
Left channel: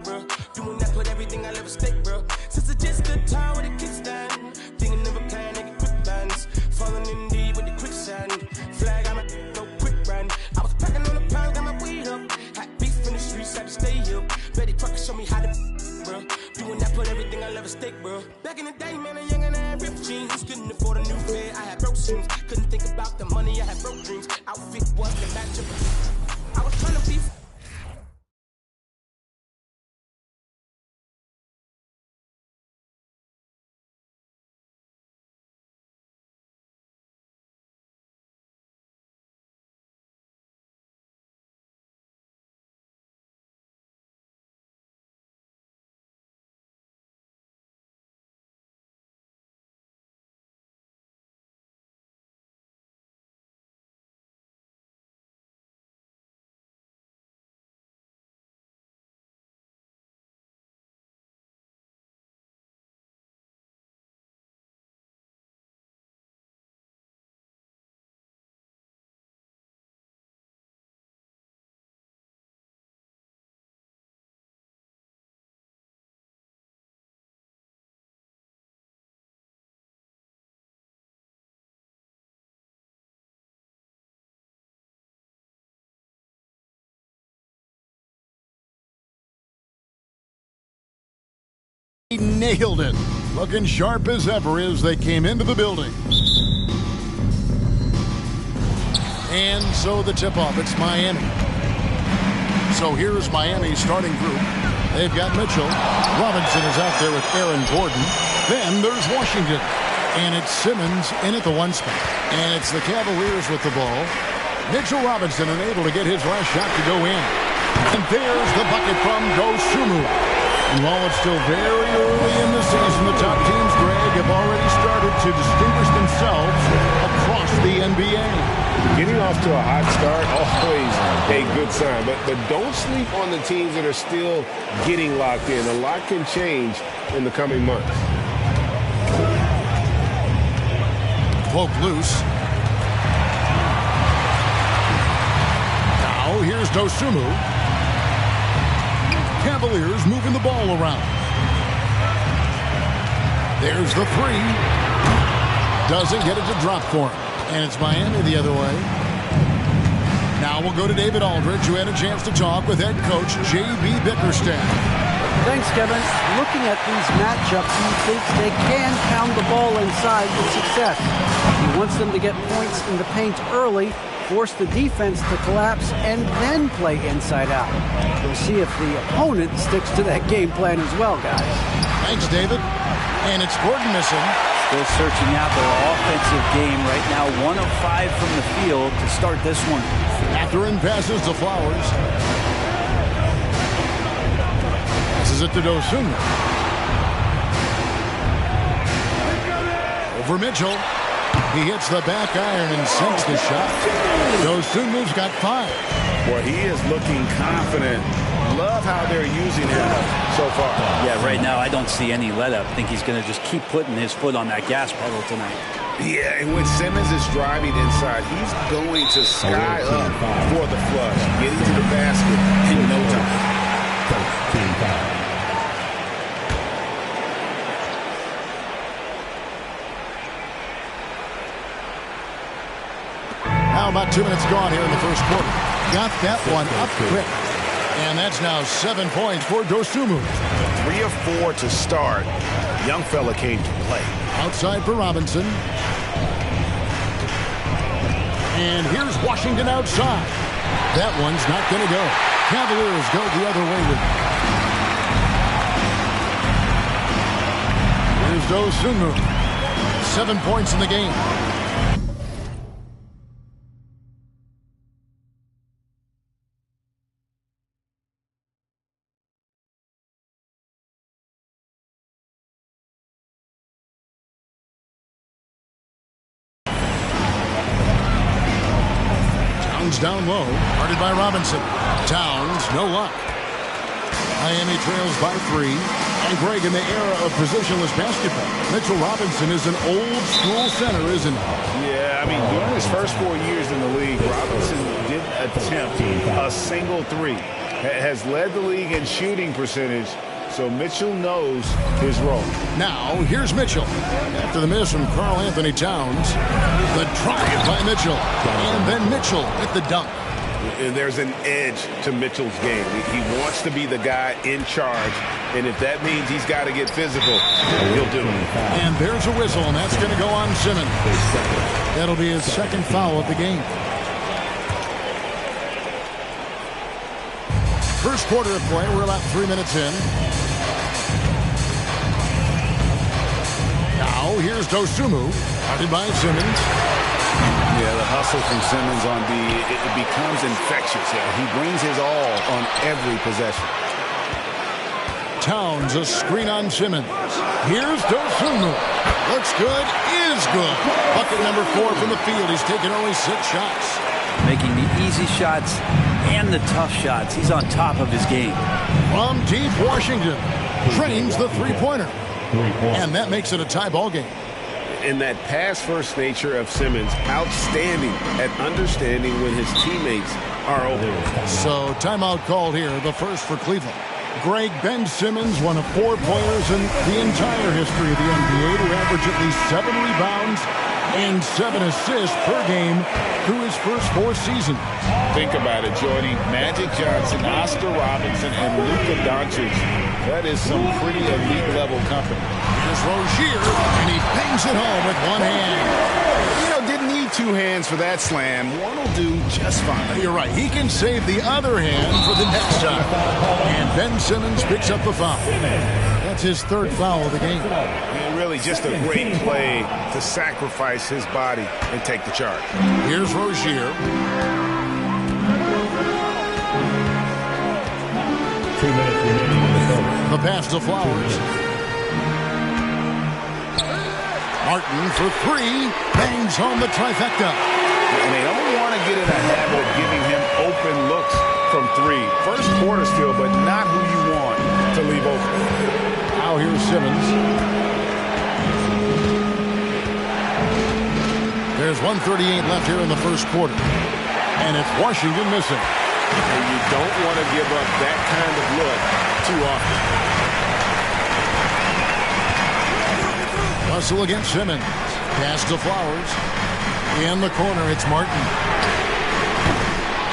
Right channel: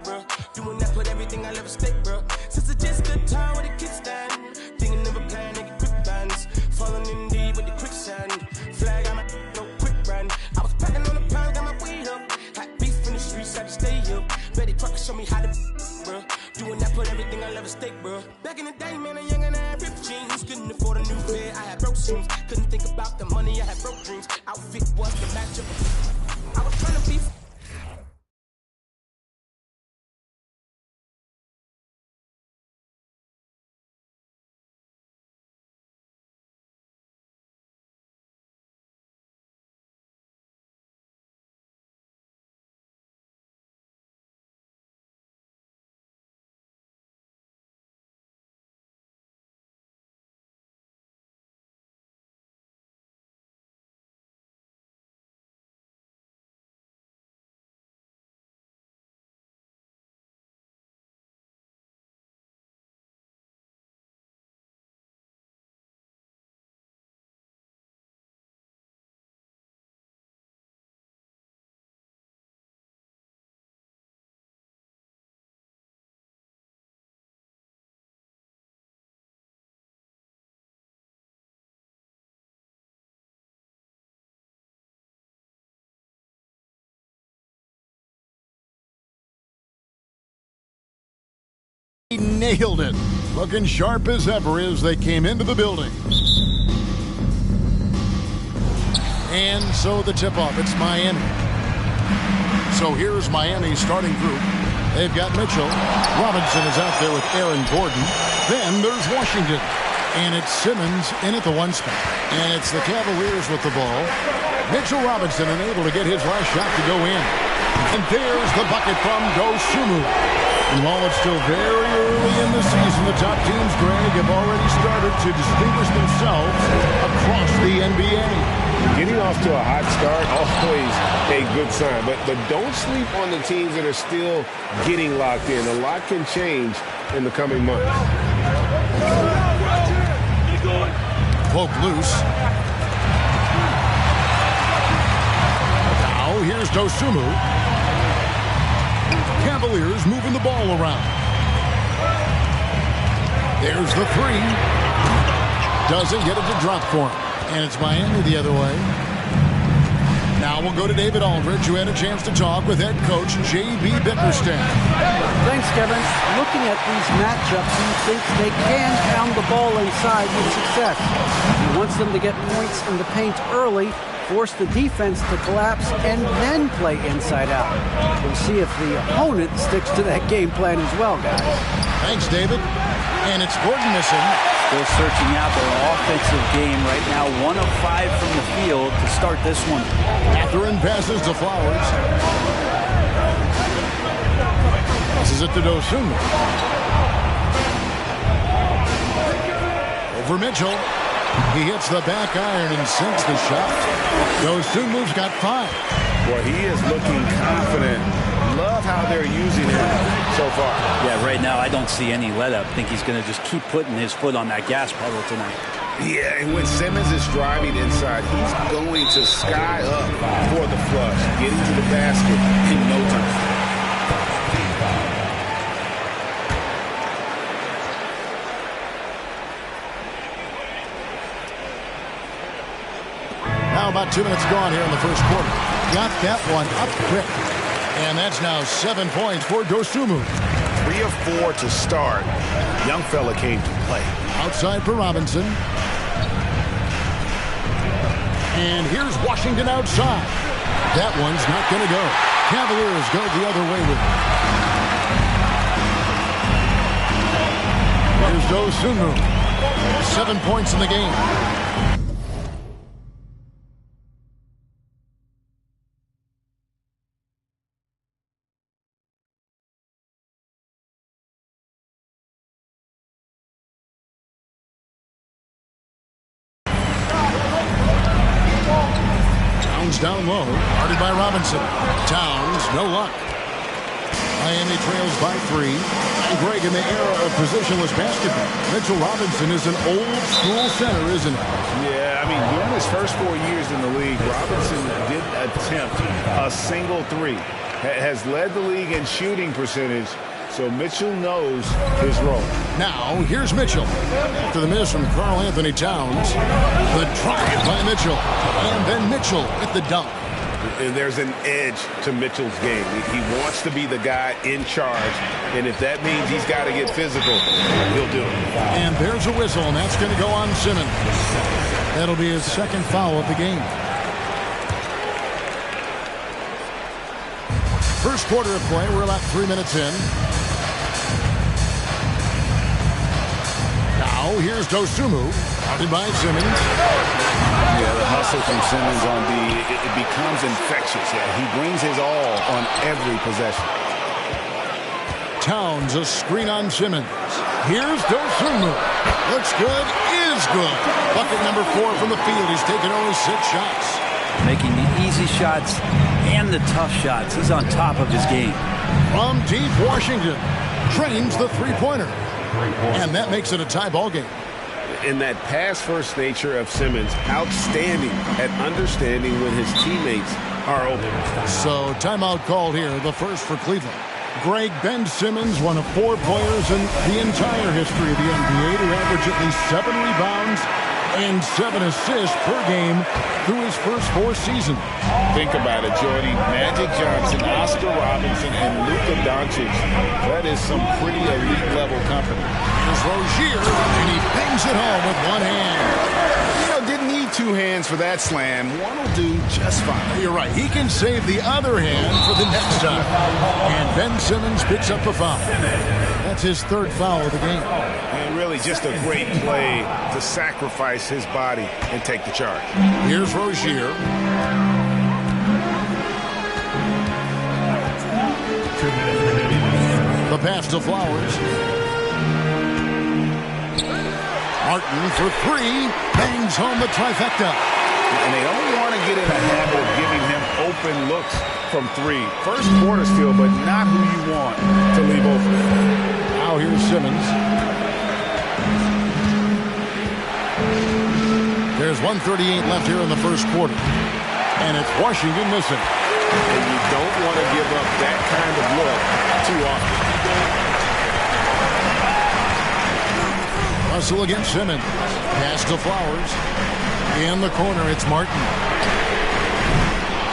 bro. Doing that, put everything I love at stake, bro. Since it's just the time with a kickstand, thinking of a plan to get quick bands, falling in deep with the quicksand. Flag, I'm no quick brand. I was packing on the pound, got my weight up. Hot beef in the streets, had to stay here. Betty Crocker show me how to, bro. Doing that, put everything I love at stake, bro. Back in the day, man, a young and I had ripped jeans. Couldn't afford a new pair, I had broke shoes. Couldn't think about the money, I had broke dreams. Outfit was the match of I was trying to be He nailed it. Looking sharp as ever as they came into the building. And so the tip-off, it's Miami. So here's Miami's starting group. They've got Mitchell. Robinson is out there with Aaron Gordon. Then there's Washington. And it's Simmons in at the one spot. And it's the Cavaliers with the ball. Mitchell Robinson unable to get his last shot to go in. And there's the bucket from Dosunmu. And while it's still very early in the season, the top teams, Greg, have already started to distinguish themselves across the NBA. Getting off to a hot start, always a good sign. But don't sleep on the teams that are still getting locked in. A lot can change in the coming months. Poke loose. Now here's Dosunmu. Cavaliers moving the ball around. There's the three. Doesn't get it to drop for him. And it's Miami the other way. Now we'll go to David Aldridge, who had a chance to talk with head coach J.B. Bickerstaff. Thanks, Kevin. Looking at these matchups, he thinks they can pound the ball inside with success. He wants them to get points in the paint early, force the defense to collapse, and then play inside out. We'll see if the opponent sticks to that game plan as well, guys. Thanks, David. And it's Gordon missing. Still searching out their offensive game right now. 1 of 5 from the field to start this one. Catherine passes to Flowers. Passes it to Dosunmu. Over Mitchell. He hits the back iron and sinks the shot. Dosunmu's got 5. Boy, he is looking confident. Love how they're using him so far. Yeah, right now I don't see any let-up. I think he's going to just keep putting his foot on that gas pedal tonight. Yeah, and when Simmons is driving inside, he's going to sky up for the flush, getting to the basket in no time. Now about 2 minutes gone here in the first quarter. Got that one up quick. And that's now 7 points for Dosunmu. 3 of 4 to start. Young fella came to play. Outside for Robinson. And here's Washington outside. That one's not going to go. Cavaliers go the other way with it. Here's Dosunmu. 7 points in the game. Down low, guarded by Robinson. Towns, no luck. Miami trails by 3. And Greg, in the era of positionless basketball, Mitchell Robinson is an old school center, isn't he? Yeah, I mean, during his first 4 years in the league, Robinson did attempt a single 3. Has led the league in shooting percentage, so Mitchell knows his role. Now, here's Mitchell. After the miss from Karl Anthony Towns, the drive by Mitchell. And then Mitchell with the dunk. And there's an edge to Mitchell's game. He wants to be the guy in charge, and if that means he's got to get physical, he'll do it. And there's a whistle, and that's going to go on Simmons. That'll be his second foul of the game. First quarter of play, we're about 3 minutes in. Now, here's Dosunmu, guarded by Simmons. Yeah, the hustle from Simmons on D, it becomes infectious. Yeah, he brings his all on every possession. Towns, a screen on Simmons. Here's Dosunmu. Looks good, is good. Bucket number 4 from the field. He's taken only 6 shots. Making the easy shots and the tough shots. He's on top of his game. From deep Washington, drains the three-pointer. And that makes it a tie ball game. And that pass-first nature of Simmons, outstanding at understanding when his teammates are open. So timeout called here, the first for Cleveland. Greg, Ben Simmons, one of 4 players in the entire history of the NBA to average at least 7 rebounds and 7 assists per game through his first 4 seasons. Think about it, joining Magic Johnson, Oscar Robertson, and Luka Doncic. That is some pretty elite level company. Here's Rozier, and he bangs it home with one hand. You know, didn't need two hands for that slam. One will do just fine. You're right. He can save the other hand for the next time. And Ben Simmons picks up the foul. That's his third foul of the game. And really just a great play to sacrifice his body and take the charge. Here's Rozier. 2 minutes remaining. The pass to Flowers. Martin for three. Bangs home the trifecta. And they don't want to get in a habit of giving him open looks from three. First quarter still, but not who you want to leave open. Now here's Simmons. There's 1:38 left here in the first quarter. And it's Washington missing. And you don't want to give up that kind of look too often. Russell against Simmons. Pass to Flowers. In the corner, it's Martin.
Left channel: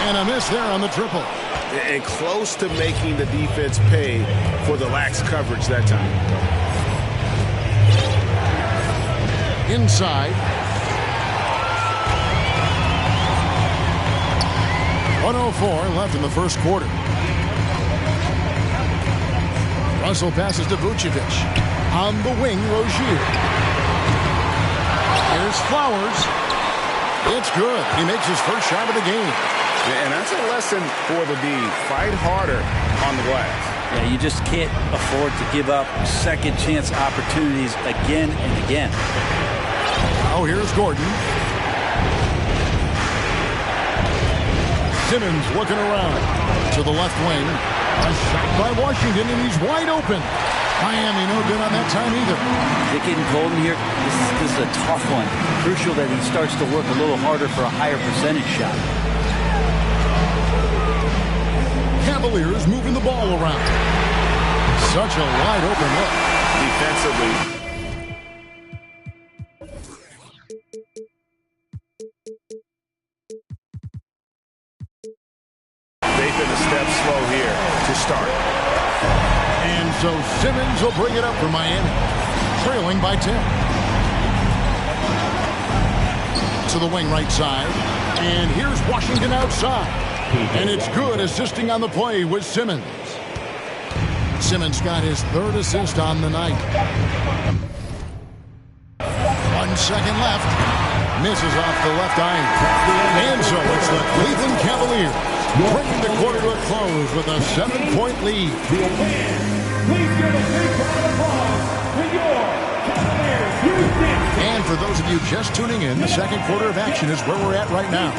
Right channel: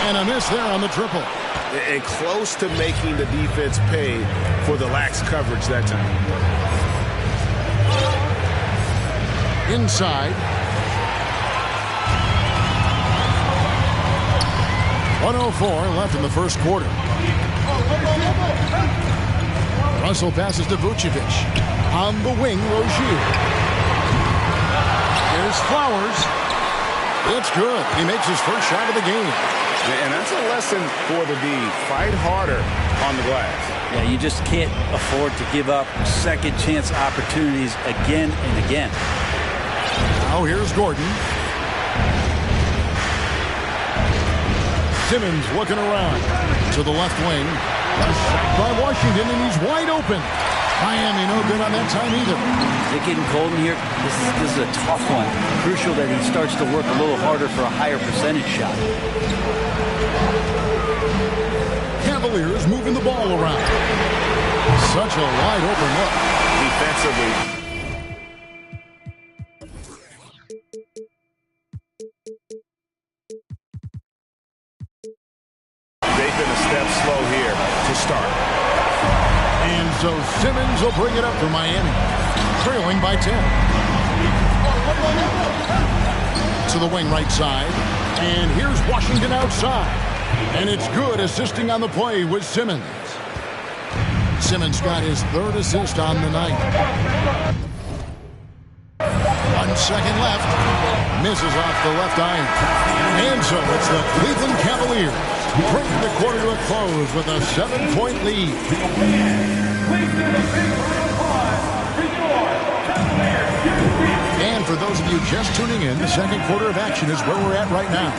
And a miss there on the triple. And close to making the defense pay for the lax coverage that time. Inside. 1:04 left in the first quarter. Russell passes to Vucevic. On the wing, Rozier. Here's Flowers. It's good. He makes his first shot of the game. And that's a lesson for the D. Fight harder on the glass. Yeah, you just can't afford to give up second chance opportunities again and again. Now here's Gordon. Simmons looking around to the left wing. A shot by Washington, and he's wide open. Miami no good on that time either. Is it getting cold in here? This is a tough one. Crucial that he starts to work a little harder for a higher percentage shot. Cavaliers moving the ball around. Such a wide open look. Defensively. They've been a step slow here to start. And so Simmons will bring it up for Miami. Trailing by 10. To the wing right side. And here's Washington outside. And it's good, assisting on the play with Simmons. Simmons got his third assist on the night. 1 second left. Misses off the left iron. And so it's the Cleveland Cavaliers bringing the quarter to a close with a 7-point lead. And for those of you just tuning in, the second quarter of action is where we're at right now.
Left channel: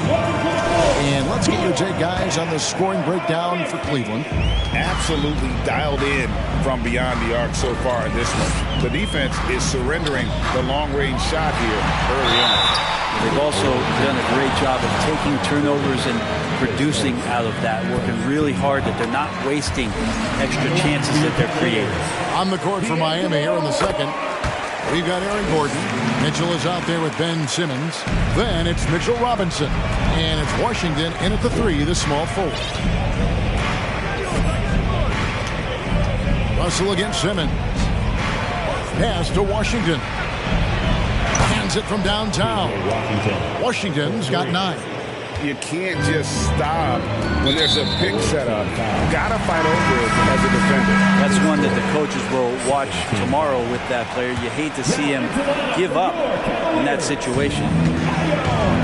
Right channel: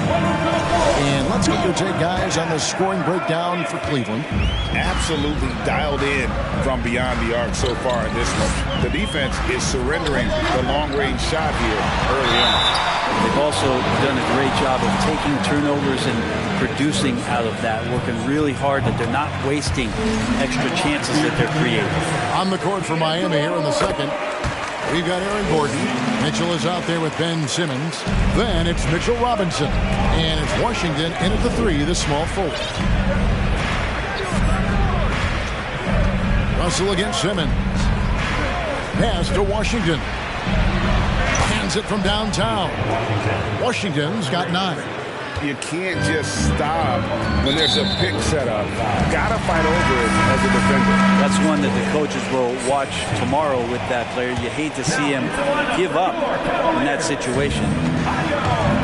And let's get your take, guys, on the scoring breakdown for Cleveland. Absolutely dialed in from beyond the arc so far in this one. The defense is surrendering the long-range shot here early on. They've also done a great job of taking turnovers and producing out of that, working really hard that they're not wasting extra chances that they're creating. On the court for Miami here in the second, we've got Aaron Gordon. Mitchell is out there with Ben Simmons. Then it's Mitchell Robinson. And it's Washington in at the three, the small forward. Russell against Simmons. Pass to Washington. Hands it from downtown. Washington's got 9. You can't just stop when there's a pick set up. Gotta fight over it as a defender. That's one that the coaches will watch tomorrow with that player. You hate to see him give up in that situation.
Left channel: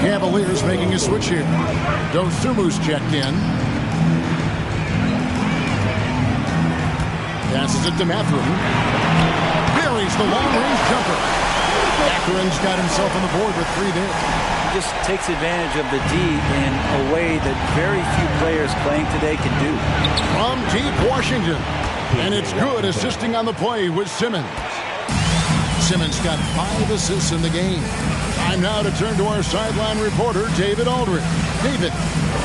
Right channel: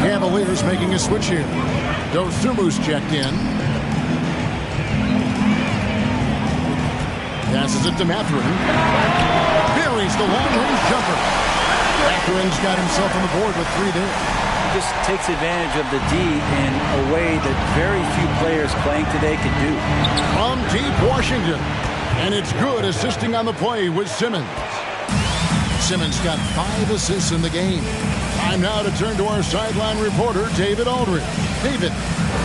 Cavaliers making a switch here. Dosumu's checked in. Passes it to Mathurin. Buries the long-range jumper. Mathurin's got himself on the board with 3 there. He just takes advantage of the D in a way that very few players playing today can do. From deep Washington. And it's good, assisting on the play with Simmons. Simmons got 5 assists in the game. Time now to turn to our sideline reporter, David Aldridge. David.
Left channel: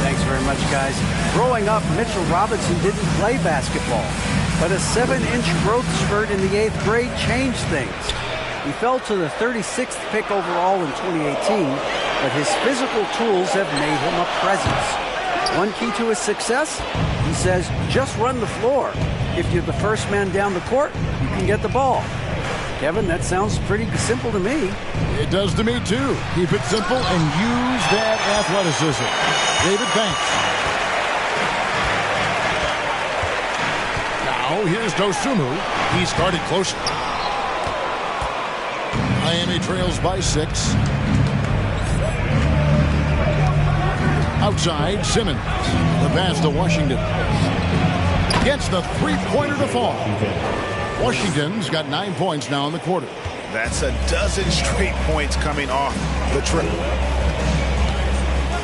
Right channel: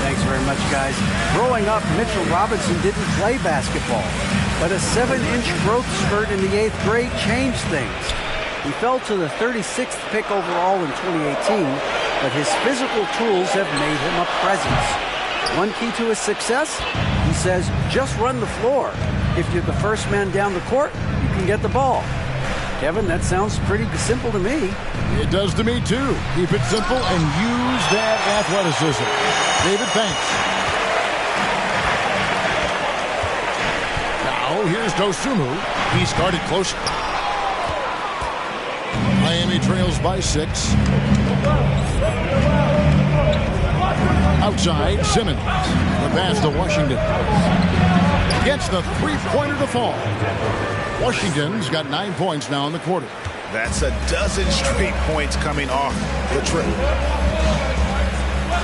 Thanks very much, guys. Growing up, Mitchell Robinson didn't play basketball, but a 7-inch growth spurt in the 8th grade changed things. He fell to the 36th pick overall in 2018, but his physical tools have made him a presence. One key to his success, he says, just run the floor. If you're the first man down the court, you can get the ball. Kevin, that sounds pretty simple to me. It does to me, too. Keep it simple and use that athleticism. David Banks. Now, here's Dosunmu. He started close. Miami trails by 6. Outside, Simmons. The pass to Washington. Gets the three-pointer to fall. Washington's got 9 points now in the quarter. That's a dozen straight points coming off the trip.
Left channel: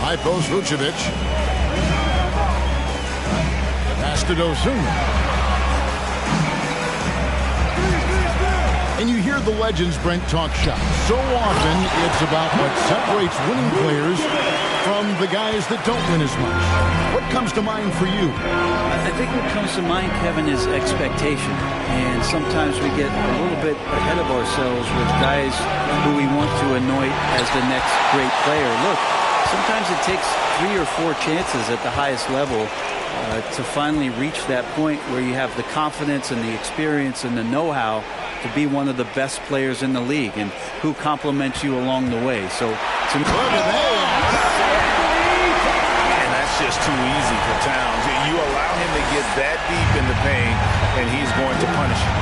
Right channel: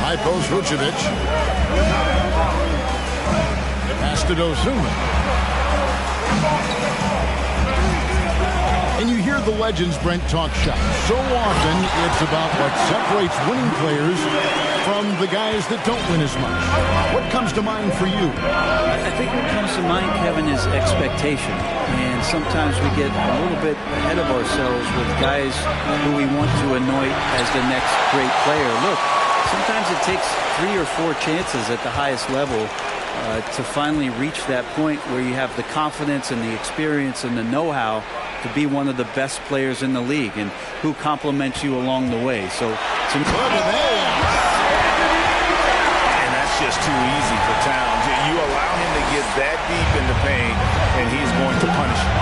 High post Vucevic. Pass to Dosunmu. And you hear the legends, Brent, talk shots. So often it's about what separates winning players from the guys that don't win as much. What comes to mind for you? I think what comes to mind, Kevin, is expectation. And sometimes we get a little bit ahead of ourselves with guys who we want to anoint as the next great player. Look, sometimes it takes 3 or 4 chances at the highest level to finally reach that point where you have the confidence and the experience and the know-how to be one of the best players in the league, and who compliments you along the way. So, to me, look at that. And that's just too easy for Towns. You allow him to get that deep in the paint, and he's going to punish you.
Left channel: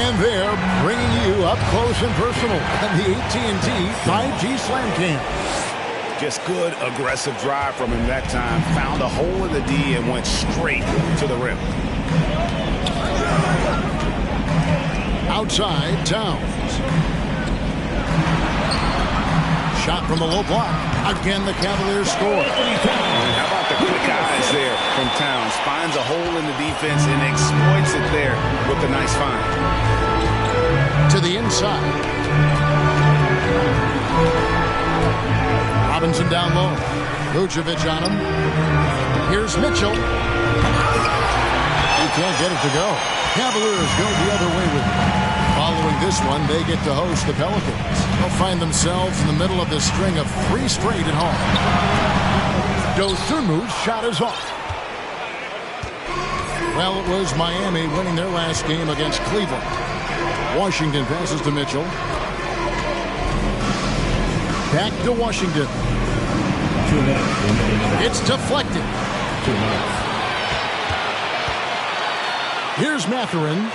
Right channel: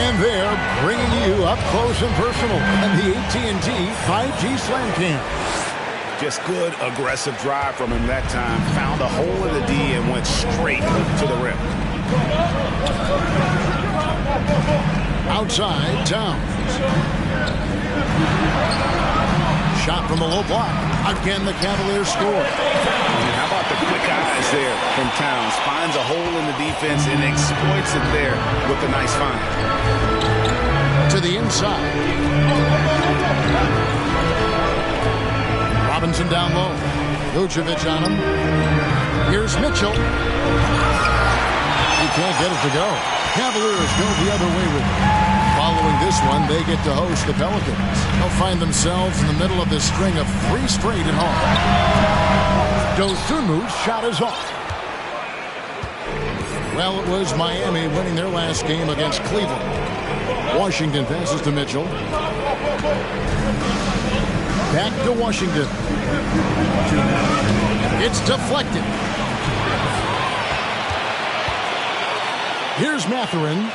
And they're bringing you up close and personal in the AT&T 5G Slam Cam. Just good, aggressive drive from him that time. Found a hole in the D and went straight to the rim. Outside, Towns. Shot from the low block. Again, the Cavaliers score. And how about the quick eyes there from Towns? Finds a hole in the defense and exploits it there with a nice find. To the inside. Robinson down low. Vucevic on him. Here's Mitchell. He can't get it to go. Cavaliers go the other way with it. Following this one, they get to host the Pelicans. They'll find themselves in the middle of this string of 3 straight at home. Dosunmu's shot is off. Well, it was Miami winning their last game against Cleveland. Washington passes to Mitchell. Back to Washington. It's deflected. Here's Mathurin.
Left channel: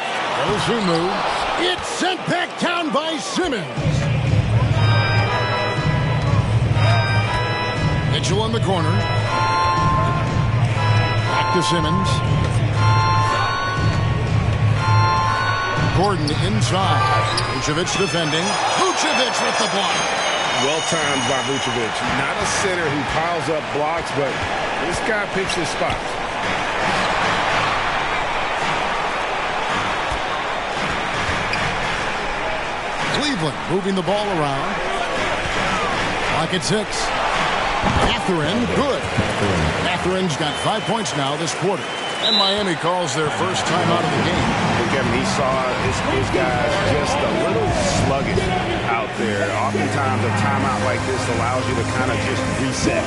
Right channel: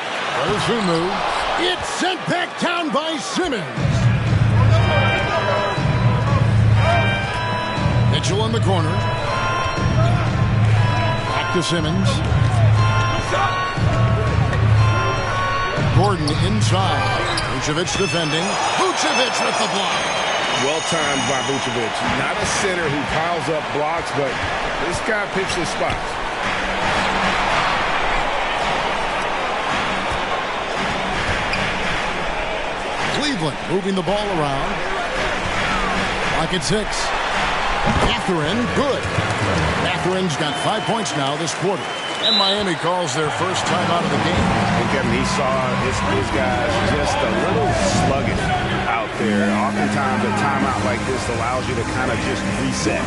Dosunmu. It's sent back down by Simmons. Mitchell in the corner. Back to Simmons. Gordon inside. Vucevic defending. Vucevic with the block. Well timed by Vucevic. Not a center who piles up blocks, but this guy picks his spots. Cleveland moving the ball around. Clock at 6. Mathurin, good. Mathurin's got 5 points now this quarter. And Miami calls their first time out of the game. And Kevin, he saw his guys just a little sluggish out there. Oftentimes a timeout like this allows you to kind of just reset.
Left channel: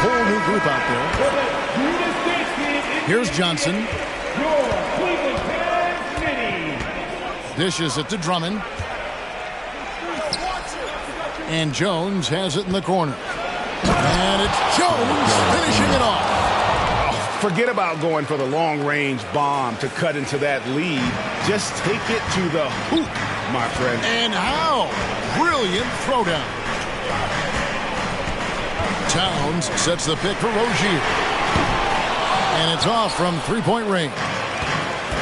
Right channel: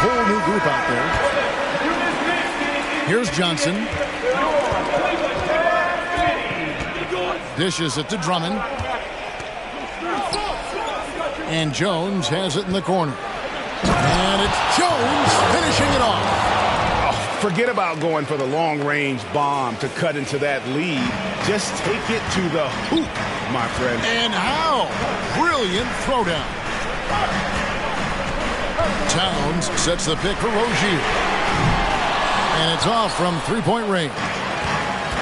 Whole new group out there. Here's Johnson. Dishes it to Drummond. And Jones has it in the corner. And it's Jones finishing it off. Oh, forget about going for the long-range bomb to cut into that lead. Just take it to the hoop, my friend. And how? Brilliant throwdown. Towns sets the pick for Rozier. And it's off from three-point range.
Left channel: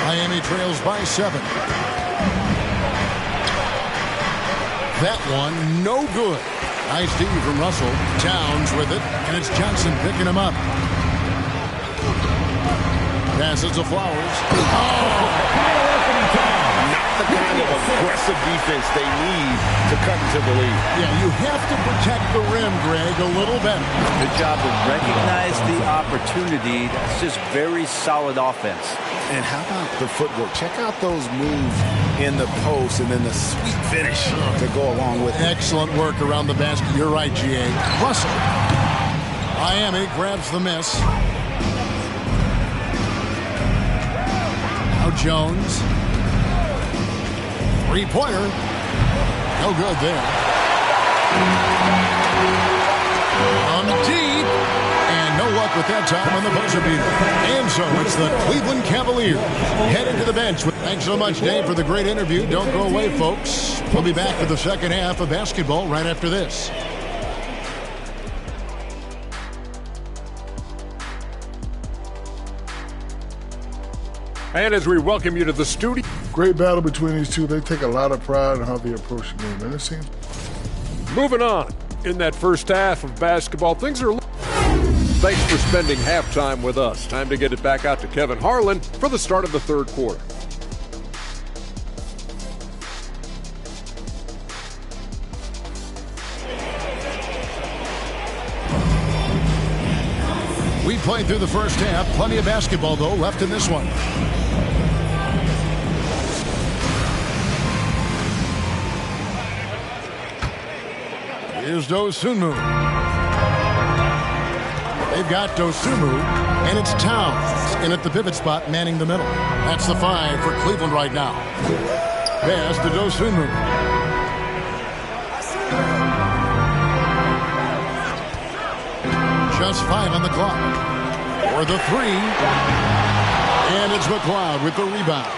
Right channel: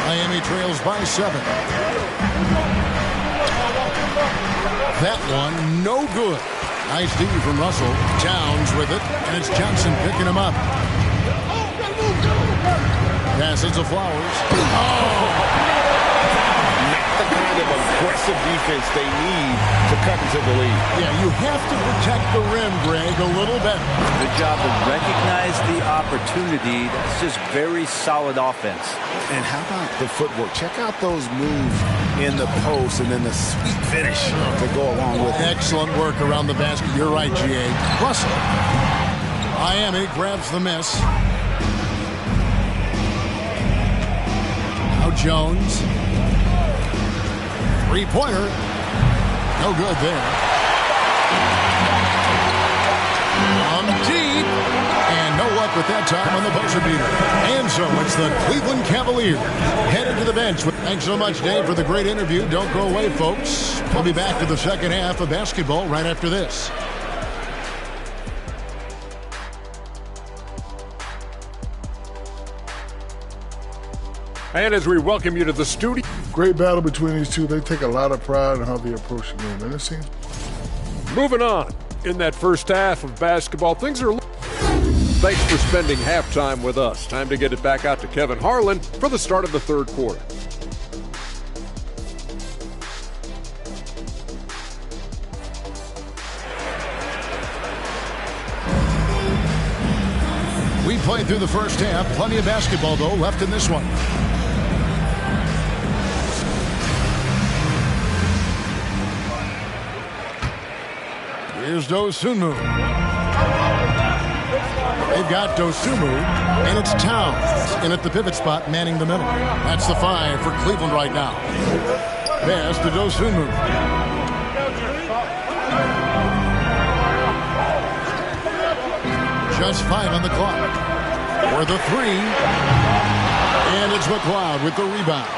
Miami trails by 7. That one, no good. Nice D from Russell. Towns with it, and it's Johnson picking him up. Passes to Flowers. Not the kind of aggressive defense they need to cut into the lead. Yeah, you have to protect the rim, Greg, a little better. Good job to recognize the opportunity. That's just very solid offense. And how about the footwork? Check out those moves in the post and then the sweet finish to go along with it. Excellent work around the basket. You're right, G.A. Russell. Miami grabs the miss. Now Jones. Three-pointer. No good there. From deep. And no luck with that time on the buzzer beater. And so it's the Cleveland Cavaliers heading to the bench. Thanks so much, Dave, for the great interview. Don't go away, folks. We'll be back to the second half of basketball right after this. And as we welcome you to the studio. Great battle between these two. They take a lot of pride in how they approach the game. And it seems. Moving on. In that first half of basketball, things are... Thanks for spending halftime with us. Time to get it back out to Kevin Harlan for the start of the third quarter. We played through the first half. Plenty of basketball, though, left in this one. Here's Dosunmu. They've got Dosunmu, and it's Towns in at the pivot spot, manning the middle. That's the 5 for Cleveland right now. Pass to Dosunmu. Just 5 on the clock. For the 3. And it's McLeod with the rebound.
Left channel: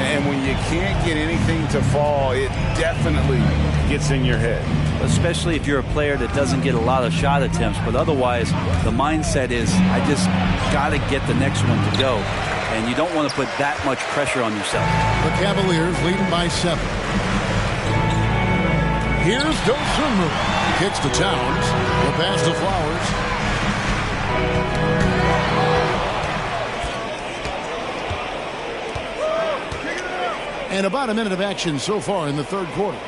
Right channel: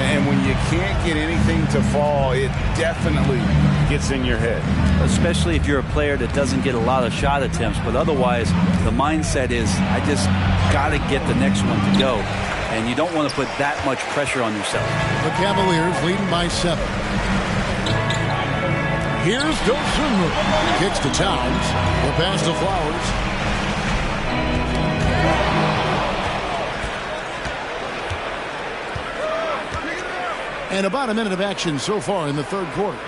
And when you can't get anything to fall, it definitely gets in your head. Especially if you're a player that doesn't get a lot of shot attempts. But otherwise, the mindset is, I just got to get the next one to go. And you don't want to put that much pressure on yourself. The Cavaliers leading by 7. Here's Dosunmu. Kicks to Towns. The pass to Flowers. And about a minute of action so far in the third quarter.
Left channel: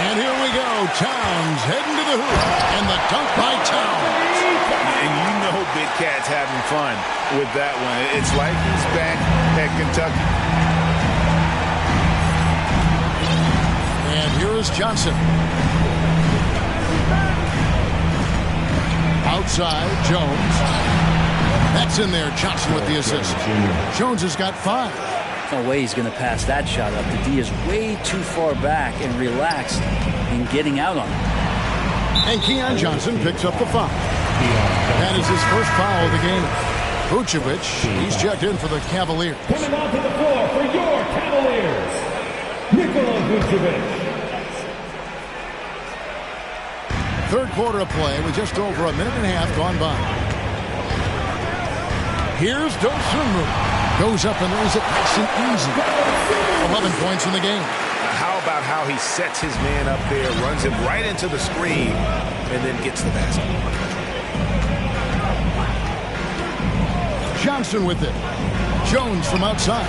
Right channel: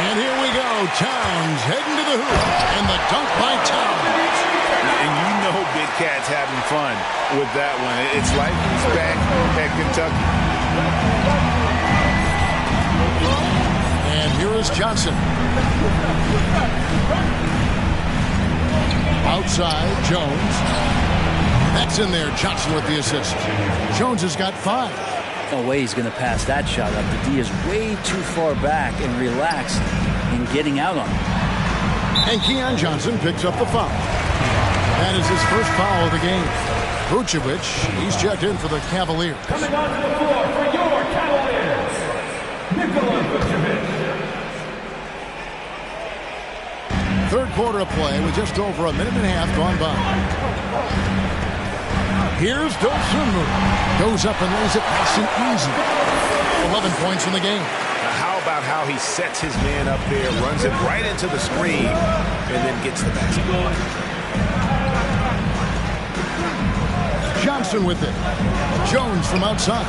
And here we go. Towns heading to the hoop. And the dunk by Towns. And you know Big Cat's having fun with that one. It's like he's back at Kentucky. And here is Johnson. Outside, Jones. That's in there. Johnson with the assist. Jones has got 5. No way he's going to pass that shot up. The D is way too far back and relaxed in getting out on it. And Keon Johnson picks up the foul. That is his first foul of the game. Vucevic, he's checked in for the Cavaliers. Coming onto the floor for your Cavaliers, Nikola Vucevic. Third quarter of play with just over a minute and a half gone by. Here's Dosunmu. Goes up and lays it nice and easy. 11 points in the game. Now how about how he sets his man up there, runs him right into the screen, and then gets the basket. Johnson with it. Jones from outside.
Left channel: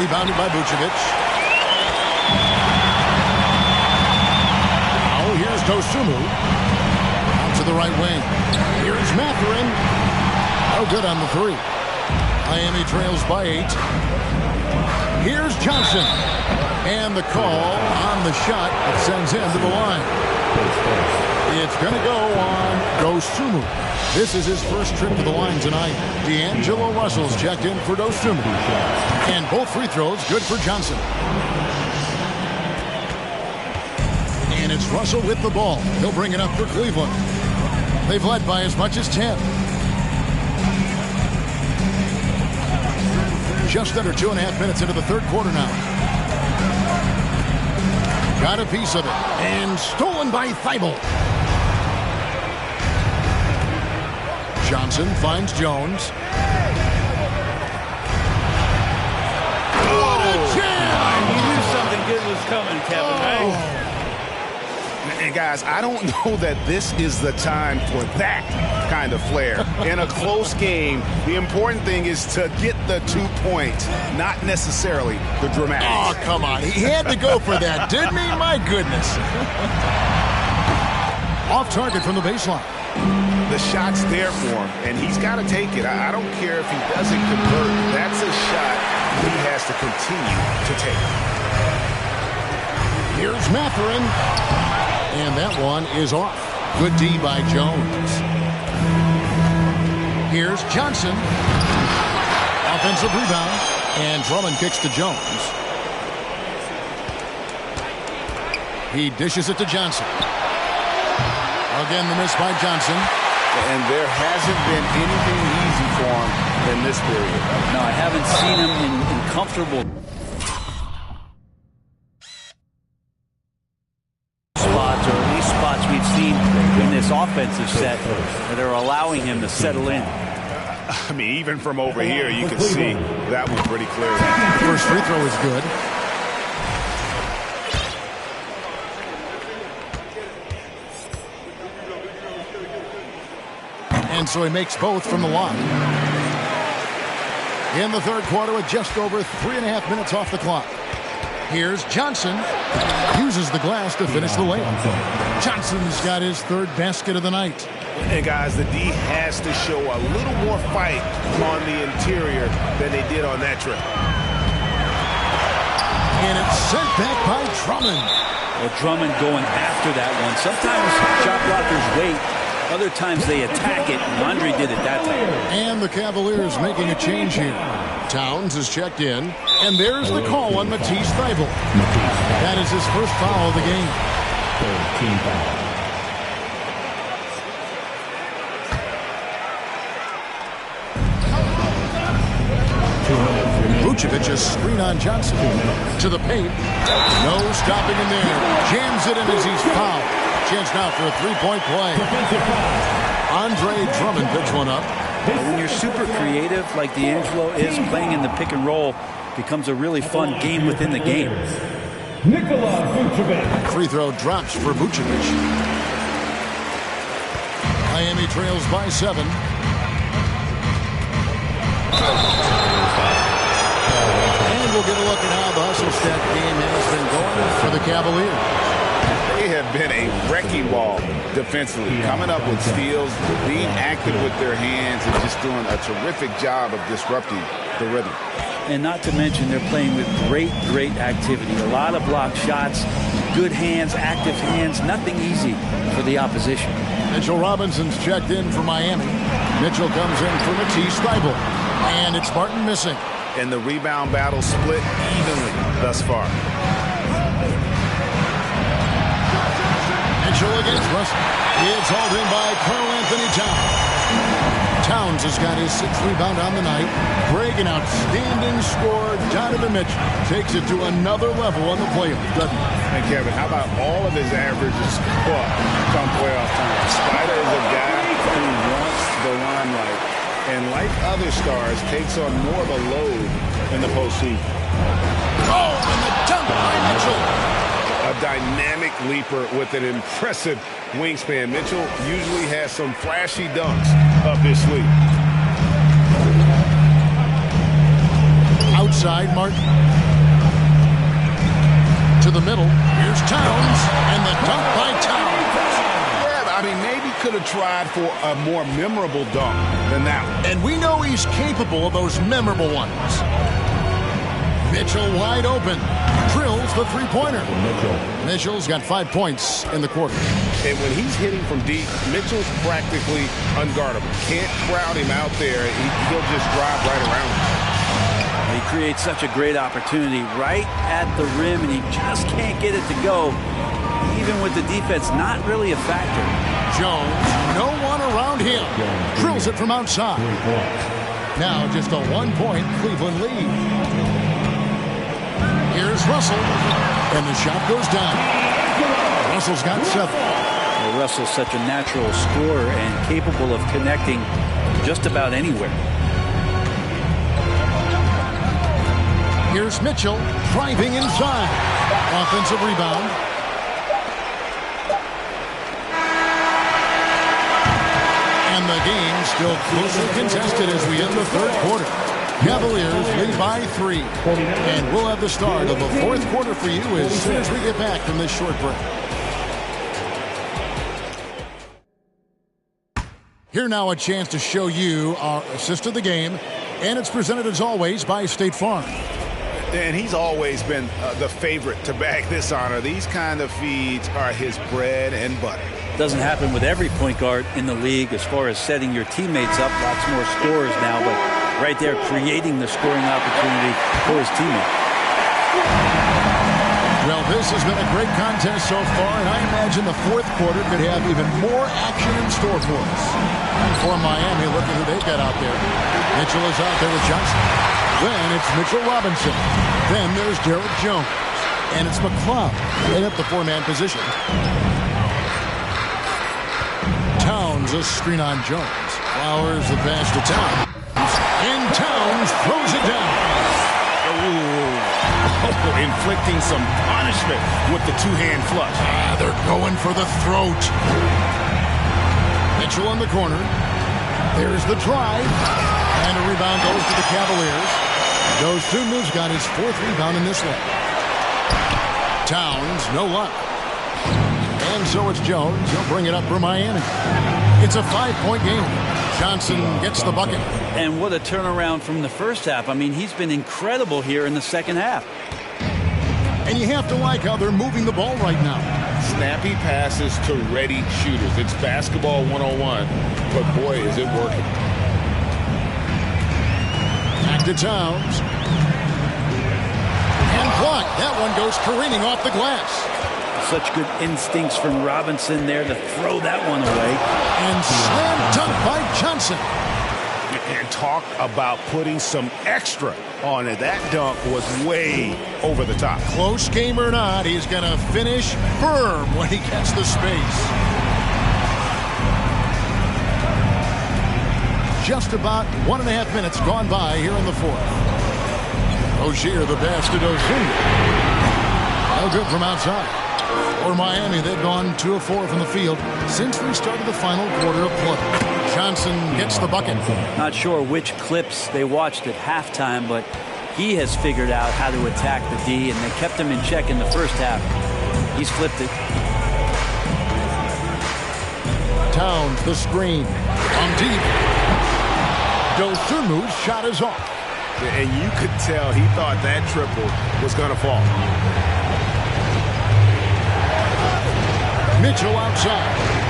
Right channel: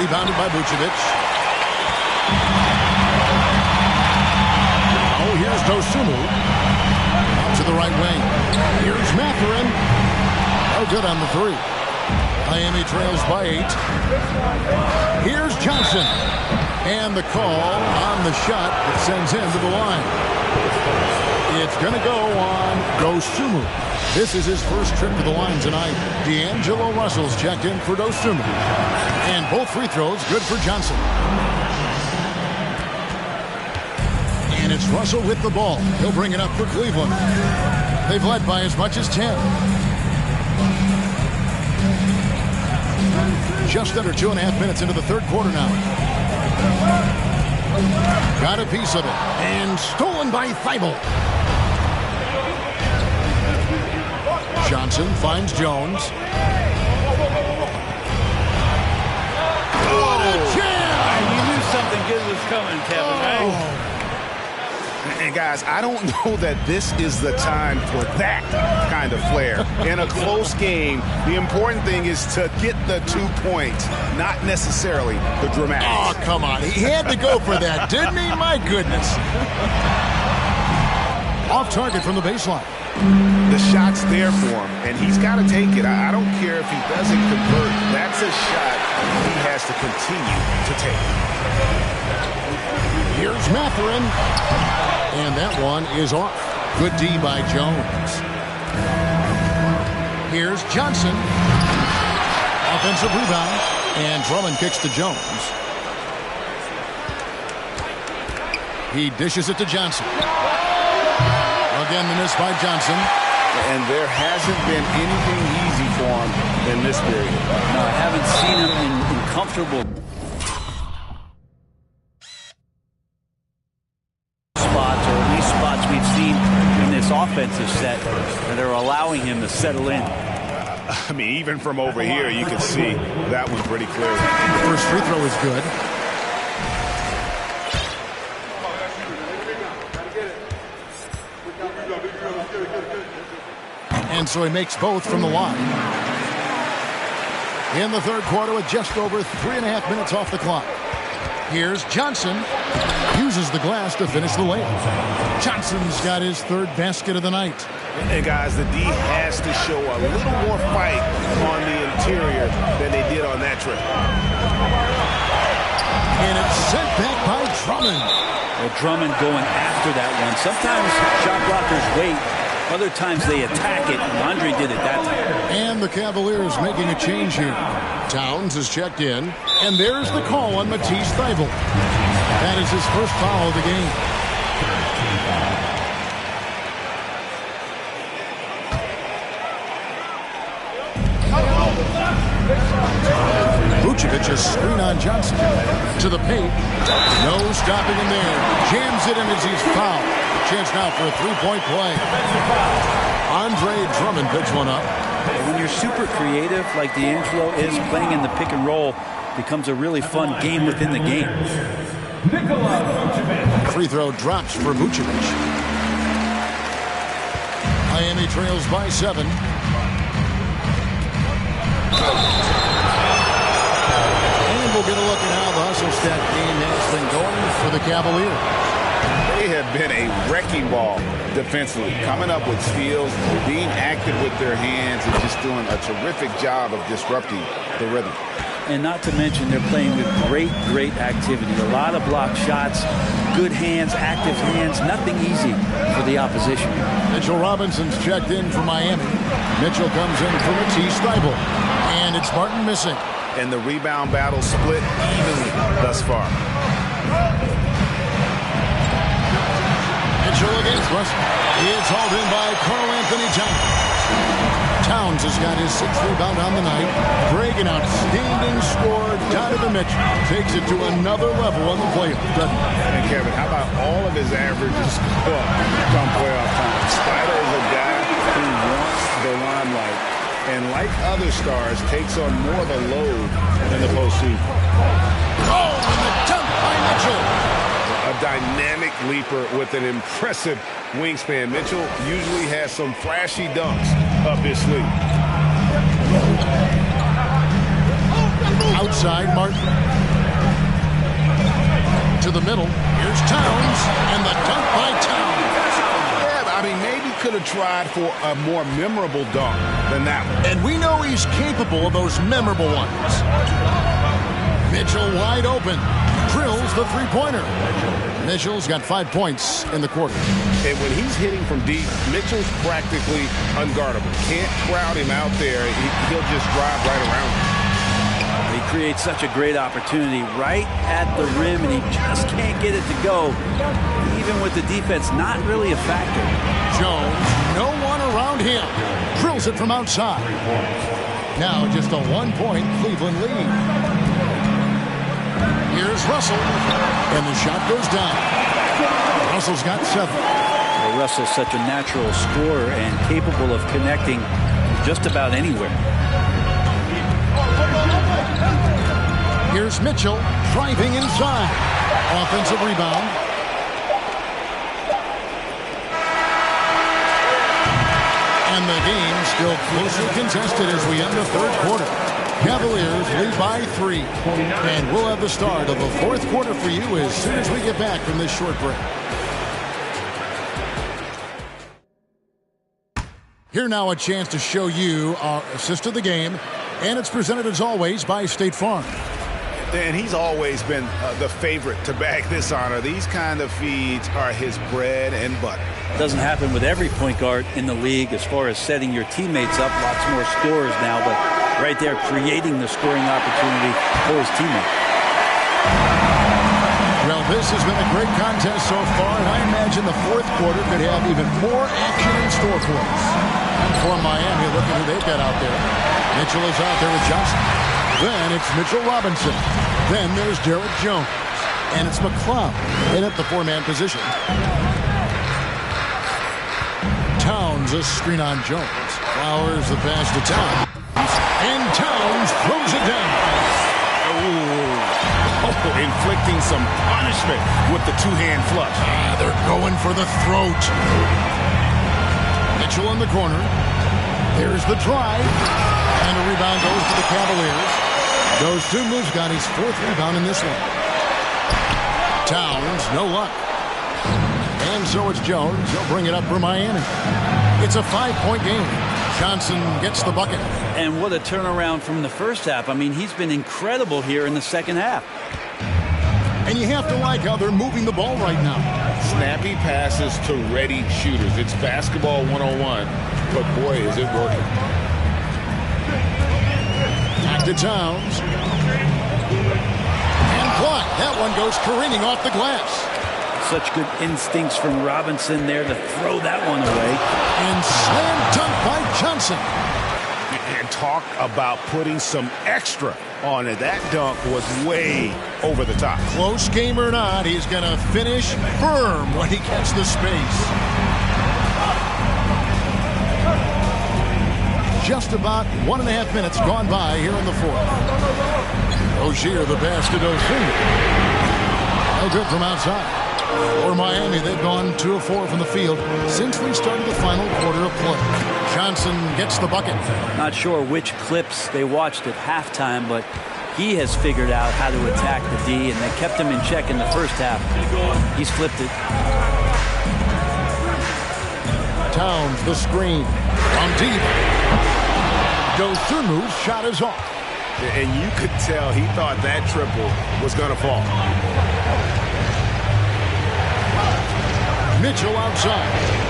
Rebounded by Vucevic. Oh, here's Dosunmu. Out to the right wing. Here's Mathurin. No good on the 3. Miami trails by 8. Here's Johnson. And the call on the shot that sends him to the line. It's going to go on Dosunmu. This is his first trip to the line tonight. D'Angelo Russell's checked in for Dosunmu. And both free throws good for Johnson. And it's Russell with the ball. He'll bring it up for Cleveland. They've led by as much as 10. Just under 2.5 minutes into the third quarter now. Got a piece of it. And stolen by Thibault. Johnson finds Jones. What a jam! You knew something good was coming, Kevin, right? And guys, I don't know that this is the time for that kind of flair. In a close game, the important thing is to get the 2 points, not necessarily the dramatics. Oh, come on. He had to go for that, didn't he? My goodness. Off target from the baseline. The shot's there for him, and he's got to take it. I don't care if he doesn't convert. That's a shot he has to continue to take. Here's Mathurin. And that one is off. Good D by Jones. Here's Johnson. Offensive rebound. And Drummond kicks to Jones. He dishes it to Johnson. Again, the miss by Johnson. And there hasn't been anything easy for him in this period. No, I haven't seen him in comfortable spots, or at least spots we've seen in this offensive set that are allowing him to settle in. I mean, even from over here, you can see that one pretty clearly. The first free throw is good. And so he makes both from the line. In the third quarter with just over 3.5 minutes off the clock. Here's Johnson. Uses the glass to finish the layup. Johnson's got his third basket of the night. And guys, the D has to show a little more fight on the interior than they did on that trip. And it's sent back by Drummond. Well, Drummond going after that one. Sometimes shot blockers wait. Other times they attack it, and Andre did it that time. And the Cavaliers making a change here. Towns is checked in, and there's the call on Matisse Thybulle. That is his first foul of the game. Vucevic a screen on Johnson. To the paint. No stopping him there. Jams it in as he's fouled. Chance now for a three-point play. Andre Drummond picks one up. When you're super creative like D'Angelo is, playing in the pick and roll becomes a really fun game within the game. Free throw drops for Vucevic. Miami trails by 7. And we'll get a look at how the hustle stat game has been going for the Cavaliers. They have been a wrecking ball defensively, coming up with steals, being active with their hands, and just doing a terrific job of disrupting the rhythm. And not to mention, they're playing with great activity. A lot of block shots, good hands, active hands, nothing easy for the opposition. Mitchell Robinson's checked in for Miami. Mitchell comes in for Matisse Thybulle. And it's Martin missing. And the rebound battle split evenly thus far. Mitchell against Russell. It's hauled in by Karl Anthony Towns. Towns has got his 6th rebound on the night. Greg, an outstanding scorer. Donovan Mitchell takes it to another level on the playoff, doesn't he? And Kevin, how about all of his averages come playoff time? Spider is a guy who wants the limelight, and like other stars, takes on more of a load in the postseason. Oh, and the dunk by Mitchell. A dynamic leaper with an impressive wingspan. Mitchell usually has some flashy dunks up his sleeve. Outside, Martin. To the middle. Here's Towns, and the dunk by Towns. Yeah, I mean, maybe could have tried for a more memorable dunk than that one. And we know he's capable of those memorable ones. Mitchell wide open. Drills the three-pointer. Mitchell's got 5 points in the quarter. And when he's hitting from deep, Mitchell's practically unguardable. Can't crowd him out there. He'll just drive right around him. He creates such a great opportunity right at the rim, and he just can't get it to go. Even with the defense not really a factor. Jones, no one around him. Drills it from outside. Now just a 1-point Cleveland lead. Here's Russell, and the shot goes down. Russell's got 7. Well, Russell's such a natural scorer and capable of connecting just about anywhere. Here's Mitchell driving inside. Offensive rebound. And the game still closely contested as we end the third quarter. Cavaliers lead by 3. And we'll have the start of the fourth quarter for you as soon as we get back from this short break. Here now a chance to show you our assist of the game. And it's presented as always by State Farm. And he's always been the favorite to bag this honor. These kind of feeds are his bread and butter. Doesn't happen with every point guard in the league as far as setting your teammates up. Lots more scorers now, but right there creating the scoring opportunity for his teammate. Well, this has been a great contest so far, and I imagine the fourth quarter could have even more action in store for us. And for Miami, look at who they've got out there. Mitchell is out there with Johnson. Then it's Mitchell Robinson. Then there's Derek Jones. And it's McCloud in at the four-man position. Towns a screen on Jones. Flowers the pass to Towns. And Towns throws it down. Oh, inflicting some punishment with the two-hand flush. They're going for the throat. Mitchell in the corner. There's the drive. And a rebound goes to the Cavaliers. Dosunmu's got his fourth rebound in this one. Towns, no luck. And so it's Jones. He'll bring it up for Miami. It's a 5-point game. Johnson gets the bucket. And what a turnaround from the first half. I mean, he's been incredible here in the second half. And you have to like how they're moving the ball right now. Snappy passes to ready shooters. It's basketball 101, but boy, is it working. Back to Towns. And blocked. That one goes careening off the glass. Such good instincts from Robinson there to throw that one away. And slam dunk by Johnson. And talk about putting some extra on it. That dunk was way over the top. Close game or not, he's going to finish firm when he gets the space. Just about 1.5 minutes gone by here in the fourth. Rozier the pass to Dosunmu. No good from outside. For Miami, they've gone 2 of 4 from the field since we started the final quarter of play. Johnson gets the bucket. Not sure which clips they watched at halftime, but he has figured out how to attack the D, and they kept him in check in the first half. He's flipped it. Towns the screen. From deep. Dosunmu's shot is off. And you could tell he thought that triple was going to fall. Mitchell outside.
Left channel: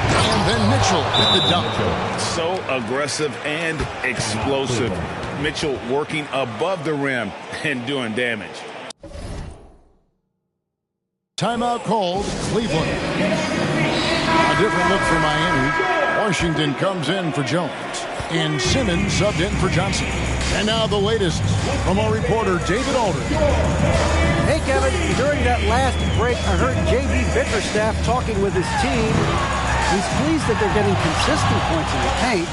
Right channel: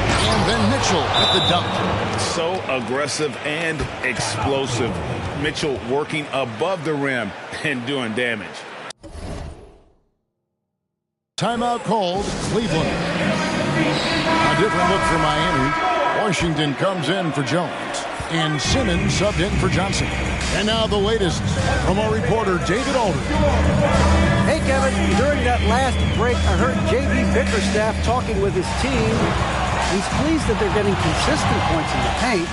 And then Mitchell with the dunk. So aggressive and explosive. Mitchell working above the rim and doing damage. Timeout called, Cleveland. A different look for Miami. Washington comes in for Jones. And Simmons subbed in for Johnson. And now the latest from our reporter, David Aldridge. Hey, Kevin, during that last break, I heard J.B. Bickerstaff talking with his team. He's pleased that they're getting consistent points in the paint.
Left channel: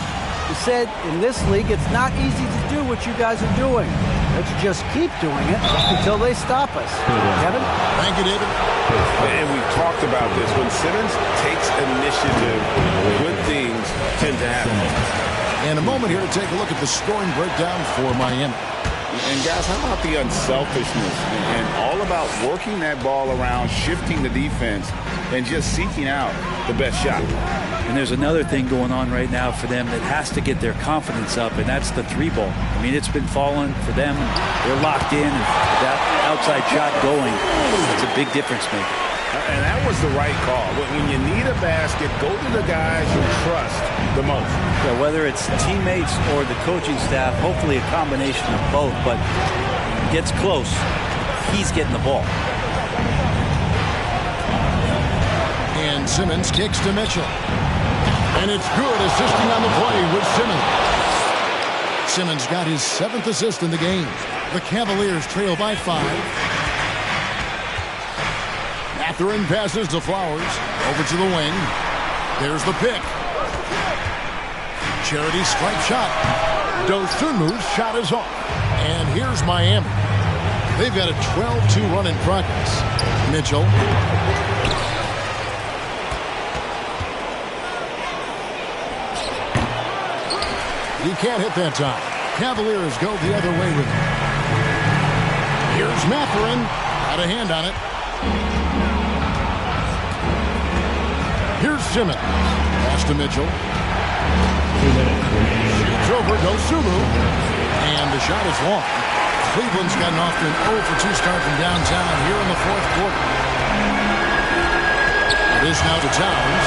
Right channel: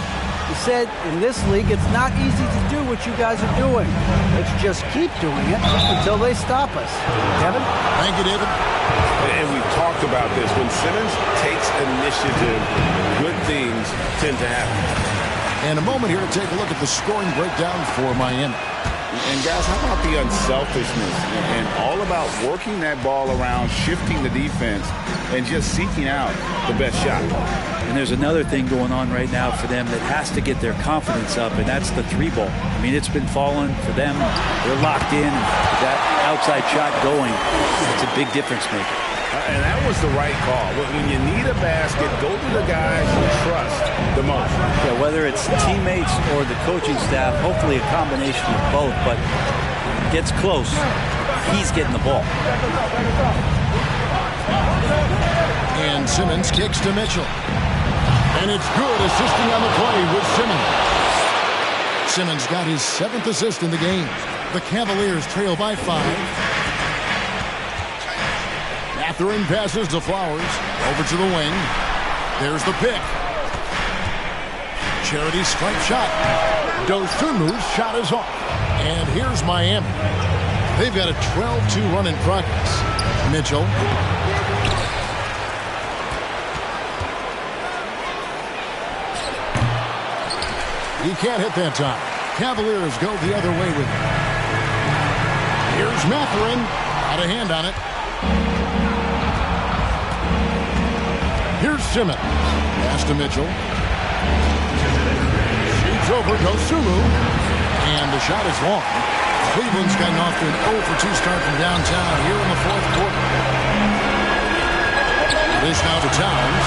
He said, in this league, it's not easy to do what you guys are doing. Let's just keep doing it until they stop us. Kevin? Thank you, David. And we've talked about this. When Simmons takes initiative, good things tend to happen. And a moment here to take a look at the scoring breakdown for Miami. And guys, how about the unselfishness and all about working that ball around, shifting the defense, and just seeking out the best shot. And there's another thing going on right now for them that has to get their confidence up, and that's the 3-ball. I mean, it's been falling for them. They're locked in, and with that outside shot going, it's a big difference maker. And that was the right call. When you need a basket, go to the guys you trust the most. Yeah, whether it's teammates or the coaching staff, hopefully a combination of both, but gets close, he's getting the ball. And Simmons kicks to Mitchell. And it's good, assisting on the play with Simmons. Simmons got his 7th assist in the game. The Cavaliers trail by 5. Mathurin passes to Flowers. Over to the wing. There's the pick. Charity stripe shot. Dosunmu's shot is off. And here's Miami. They've got a 12-2 run in progress. Mitchell. He can't hit that time. Cavaliers go the other way with it. Here's Mathurin. Got a hand on it. Here's Simmons. Pass to Mitchell. Shoots over, goes Sumu. And the shot is long. Cleveland's gotten off to an 0 for 2 start from downtown here in the fourth quarter. This now to Towns.